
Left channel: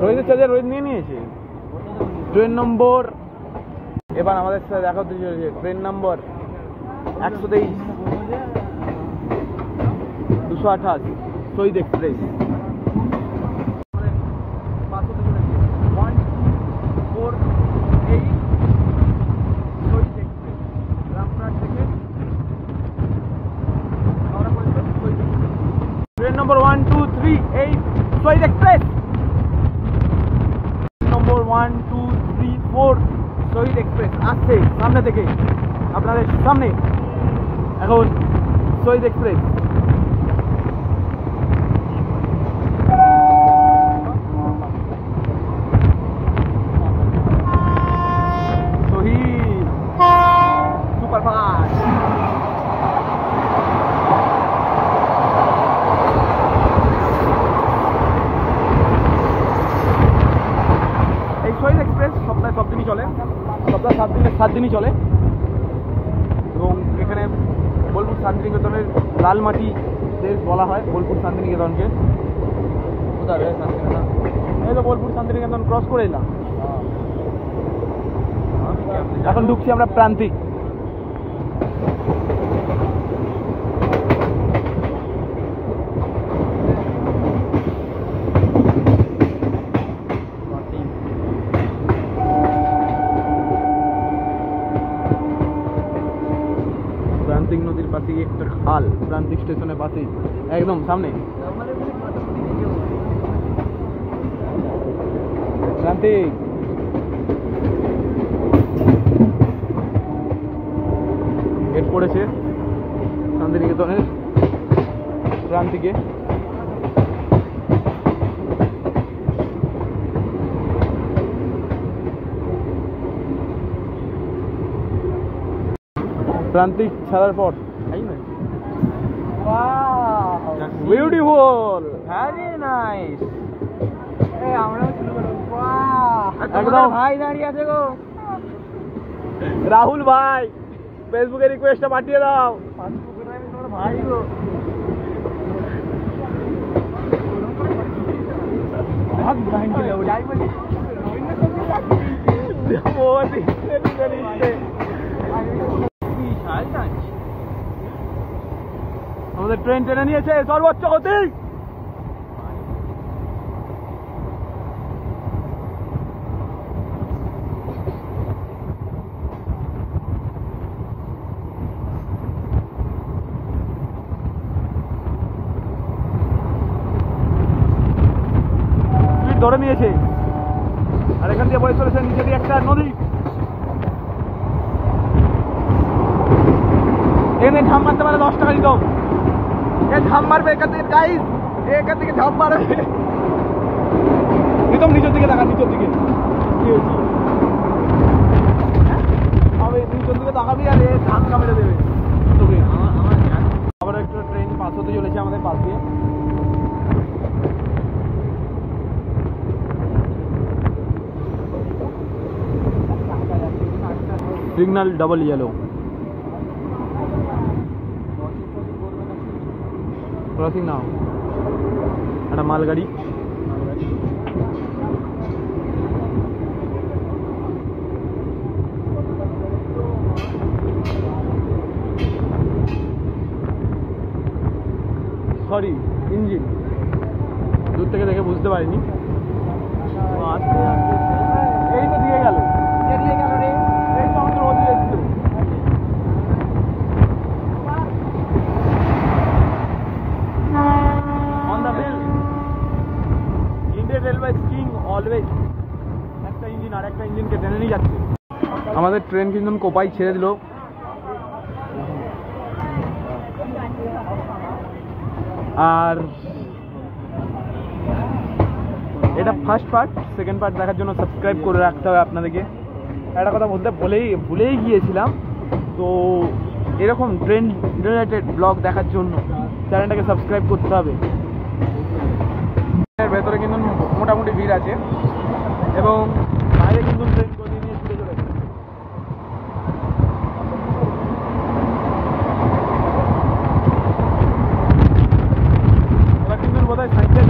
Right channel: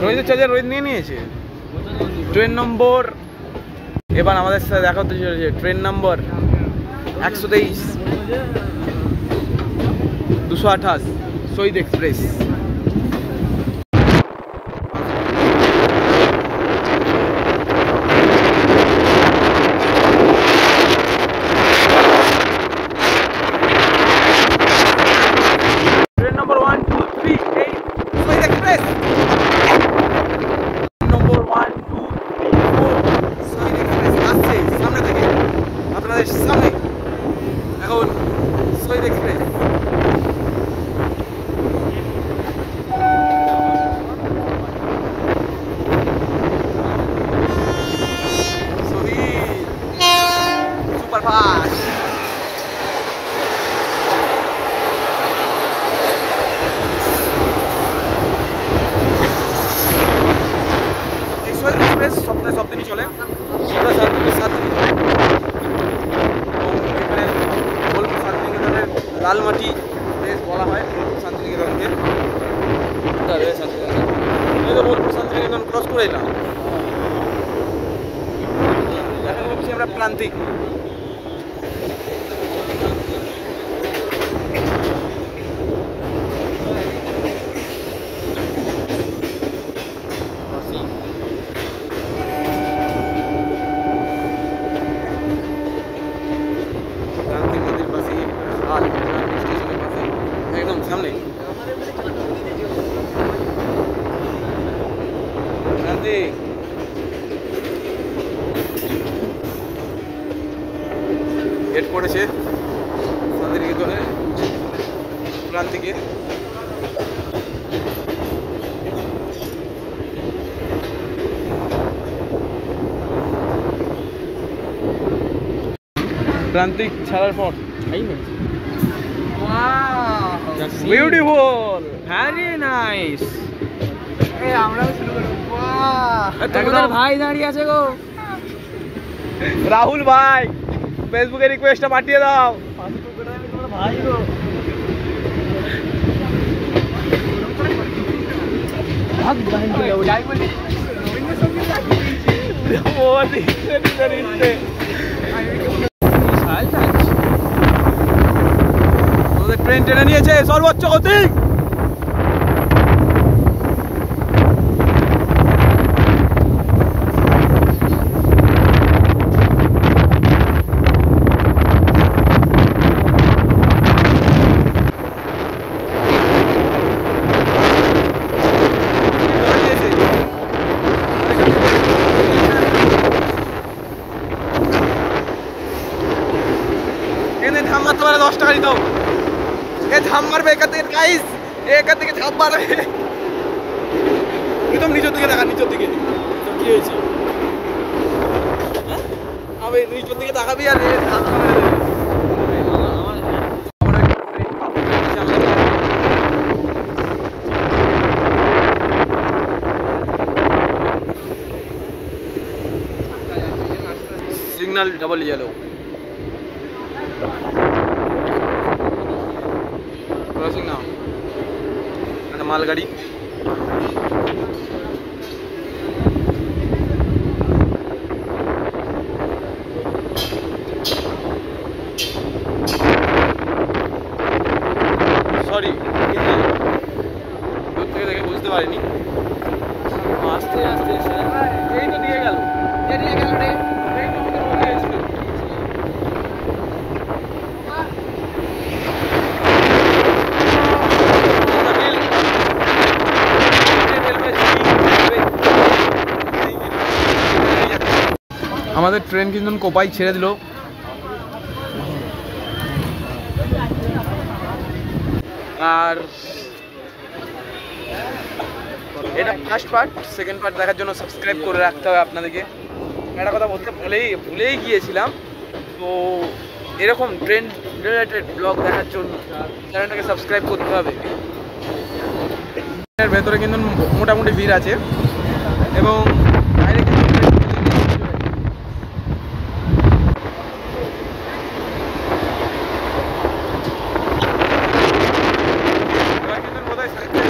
রোহিতের চার্জার রোহিত নিয়ে নিয়েছে। ট্রেন নম্বর এবার আমাদের সাথে দেখা হতে চলেছে। ট্রেন নম্বর 123 228 শহীদ এক্সপ্রেস। ট্রেন নম্বর 1238 শহীদ এক্সপ্রেস। নম্বর 1234 শহীদ এক্সপ্রেস আসছে সামনে থেকে, আপনাদের সামনে এখন শহীদ এক্সপ্রেস। শহীদ সুপারফাস্ট। এই শহীদ এক্সপ্রেস সপ্তাহে 7 দিনই চলে, সপ্তাহে 7 দিনই চলে। এবং এখানে বোলপুর শান্তিনিকেতনের লালমাটি প্লেস বলা হয় বোলপুর শান্তিনিকেতনকে। বোলপুর শান্তিনিকেতন ক্রস করে এলাম, এখন ঢুকছি আমরা প্রান্তিক। প্রান্তিক নদীর পাশেই একটা খাল, প্রান্তিক স্টেশনের পাশে একদম সামনে। প্রান্তিক গেট পড়েছে শান্তিনিকেতনের প্রান্তিকে। প্রান্তিক ছাড়ার পর বিউটিফুল, ভেরি নাইস। একদম ভাই দাঁড়িয়ে আছে গো। রাহুল ভাই ফেসবুকে রিকোয়েস্টটা পাঠিয়ে দাও। ভাই গো আমাদের ট্রেন টেনে নিয়েছে সর্বোচ্চ গতি। ধরে নিয়েছে আরেকটা দিয়ে পরিষ্কার এনে ধাম মারতে পারে 10 টাকা দিত। এ ধাম মারবে এখান থেকে গাইস, এখান থেকে ধাপ মারবে। প্রথম নিচের দিকে দেখা, নিচের দিকে কি হয়েছে? আমি নিচের দিকে তাকাবি আর ধাক্কা মেরে দেবে। আবার একটা ট্রেন পাবো আমাদের পাবো। সিগন্যাল ডাবল ইয়েলো, ক্রসিং নাও, একটা মালগাড়ি। সরি, হিন্দি, দূর থেকে দেখে বুঝতে পারিনি। আস্তে আস্তে এই তো দিয়ে গেল, দিয়ে গেল রে। এই তো আমাদের ও দিয়েছিল। আমাদের ট্রেন কিন্তু কোপাই ছেড়ে দিল। আর এটা ফার্স্ট পার্ট, সেকেন্ড পার্ট দেখার জন্য সাবস্ক্রাইব করে রাখতে হবে আপনাদেরকে। একটা কথা বলতে ভুলেই গিয়েছিলাম, তো এরকম ট্রেন রিলেটেড ব্লগ দেখার জন্য চ্যানেলটাকে সাবস্ক্রাইব করতে হবে। এর ভেতরে কিন্তু মোটামুটি ভিড় আছে এবং বাইরে কিন্তু ট্রেন এবার কিন্তু বোধহয় সাইকেল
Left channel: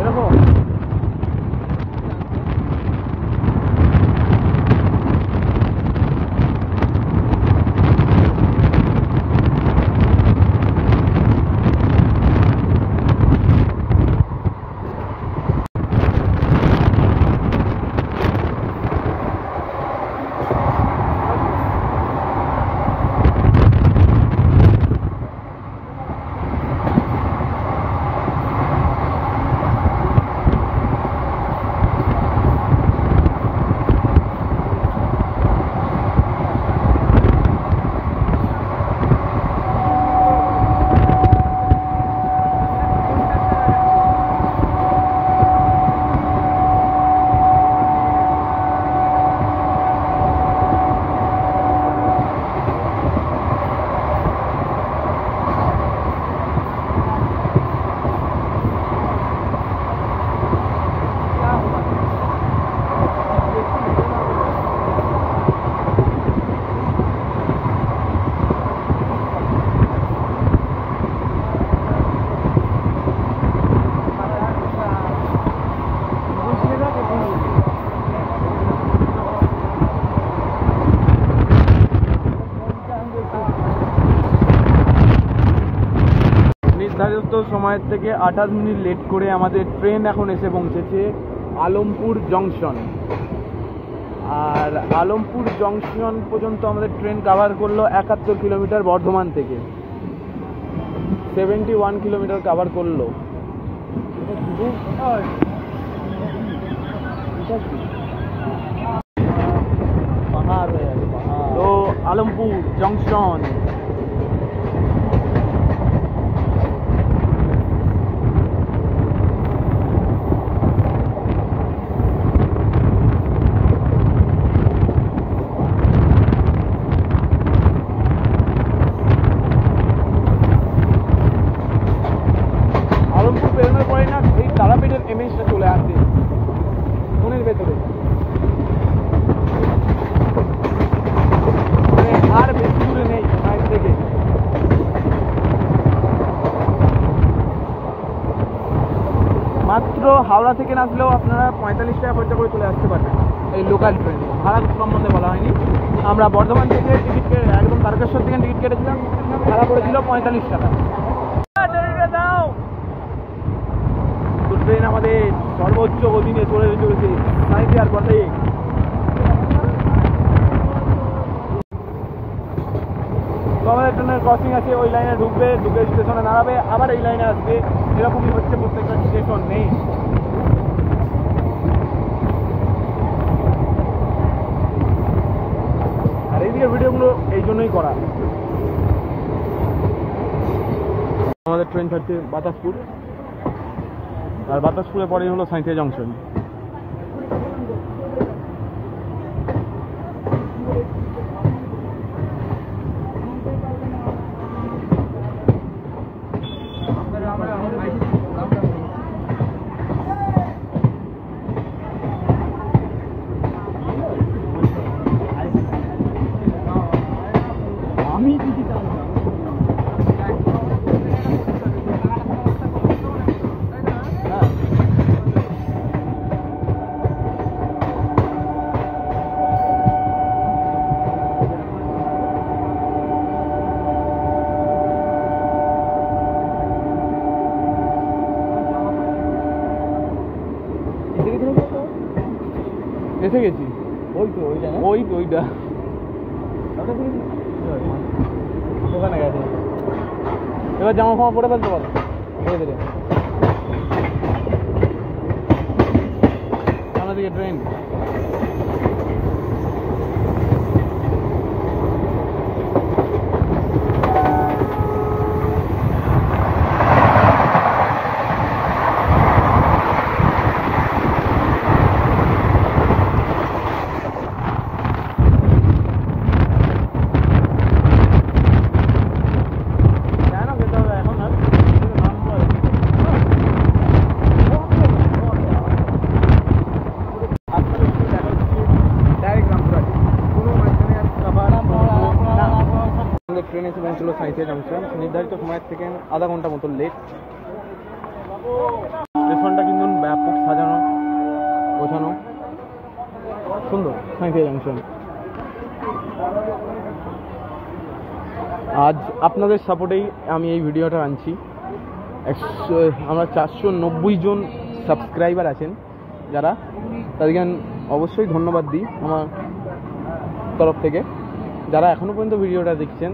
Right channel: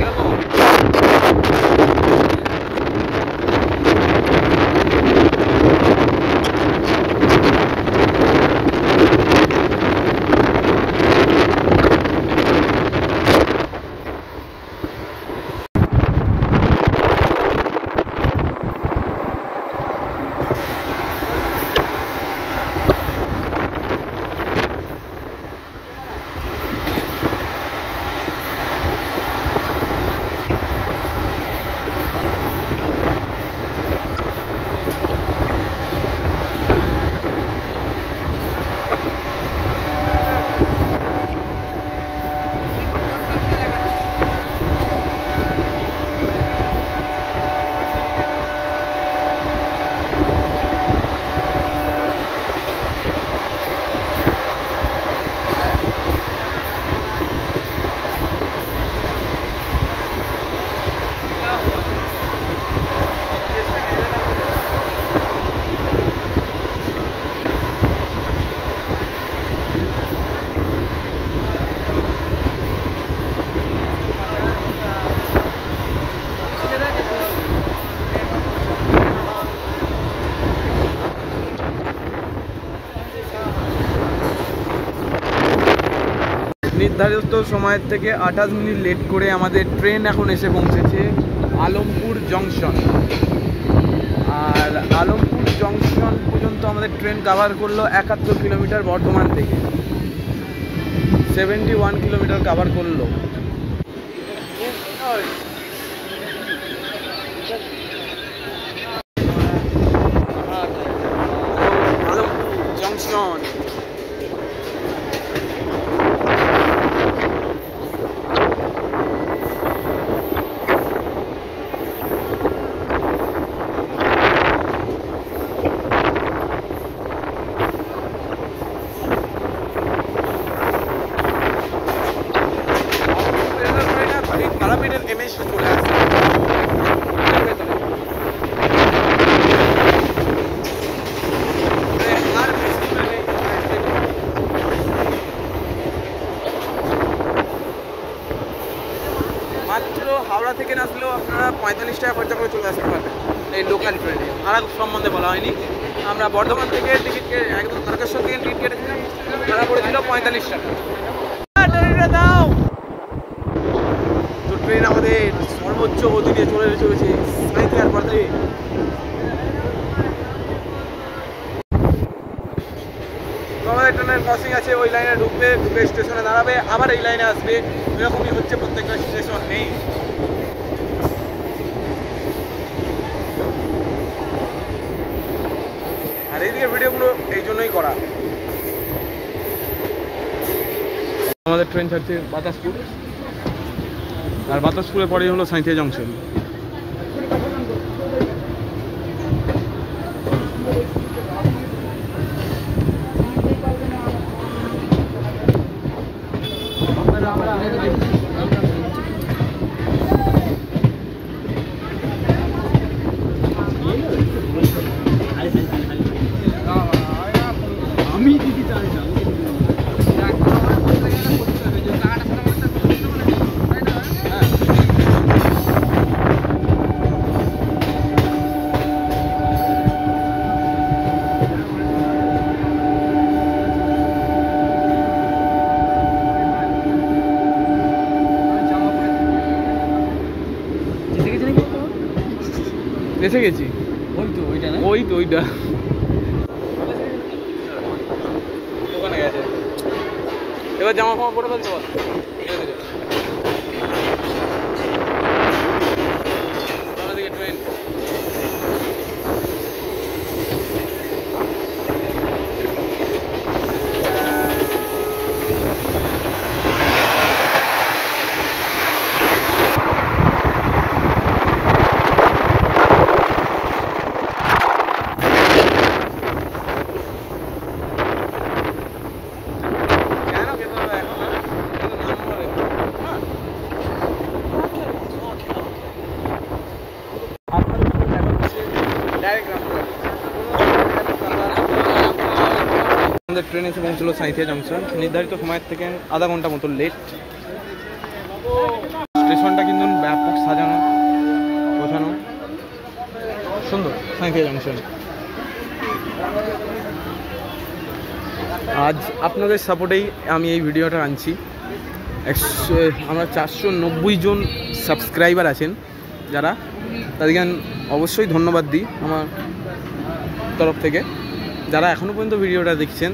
এরকম নির্ধারিত সময়ের থেকে 28 মিনিট লেট করে আমাদের ট্রেন এখন এসে পৌঁছেছে আলমপুর জংশন। আর আলমপুর জংশন পর্যন্ত আমাদের ট্রেন কভার করলো 71 কিলোমিটার বর্ধমান থেকে, 71 কিলোমিটার কভার করলো। তো আলমপুর জংশন তারাপীঠের এমএসটা চলে আসে ভেতরে, আর বেশি দূরে নেই। মাত্র হাওড়া থেকে আসলেও আপনারা 45 টাকা খরচা করে চলে আসতে পারবেন এই লোকাল ট্রেনে। ভাড়া সম্বন্ধে বলা হয়নি, আমরা বর্ধমান থেকে টিকিট একদম তারকেশ্বর থেকে টিকিট কেটেছিলাম, ভাড়া পড়েছিল 45 টাকা। দাও তো ট্রেন আমাদের সর্বোচ্চ গতি নিয়ে চলেছে সাঁইথিয়ার পর থেকে। তো আমাদের ট্রেনের ক্রসিং আছে, ওই লাইনে ঢুকবে, ঢুকে স্টেশনে দাঁড়াবে, আবার এই লাইনে আসবে। এরকমই হচ্ছে প্রত্যেকটা স্টেশন নেই। আর এইদিকে ভিডিওগুলো এই জন্যই করা। আমাদের ট্রেন ছাড়ছে বাতাসপুর, আর বাতাসপুরে পরেই হলো সাঁইথিয়া জংশন। আমি দিদি চাইছিলাম এসে গেছি। ওই তো ওইটা না ওইটা দোকানে গেছে। এবার জামা ফামা পরে ফেলতে পারো ধীরে ধীরে। সামনের দিকে ট্রেন। আমাদের ট্রেন এসে পৌঁছলো সাঁইথিয়া জংশন, নির্ধারিত সময়ের থেকে আধা ঘন্টা মতো লেট। স্টেশনটা কিন্তু ব্যাপক সাজানো গোছানো, সুন্দর সাঁইথিয়া জংশন। আজ আপনাদের সাপোর্টেই আমি এই ভিডিওটা আনছি। আমরা 490 জন সাবস্ক্রাইবার আছেন যারা, তাদেরকে অবশ্যই ধন্যবাদ দিই আমার তরফ থেকে। যারা এখনও পর্যন্ত ভিডিওটা দেখছেন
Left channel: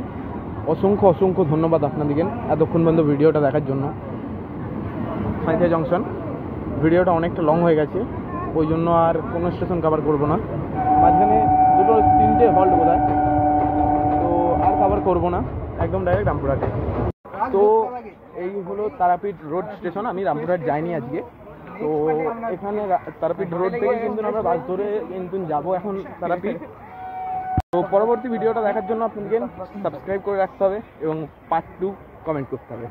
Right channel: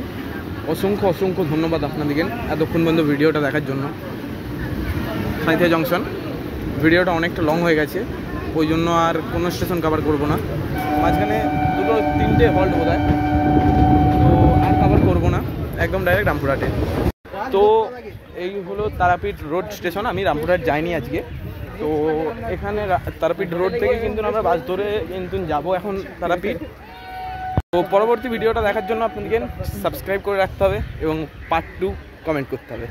অসংখ্য ধন্যবাদ আপনাদেরকে এতক্ষণ পর্যন্ত ভিডিওটা দেখার জন্য। সাঁইথিয়া জংশন ভিডিওটা অনেকটা লং হয়ে গেছে, ওই জন্য আর কোনো স্টেশন কভার করব না। মাঝখানে 2-3টে হল্ট বোধ হয়, তো আর কভার করব না, একদম ডাইরেক্ট রামপুরহাটে। তো এই হলো তারাপীঠ রোড স্টেশন। আমি রামপুরহাট যাইনি আজকে, তো এখানে তারাপীঠ রোড থেকে কিন্তু আমরা বাস ধরে কিন্তু যাবো এখন তারাপীঠ। তো পরবর্তী ভিডিওটা দেখার জন্য আপনাদেরকে সাবস্ক্রাইব করে রাখতে হবে এবং পার্ট 2 কমেন্ট করতে হবে।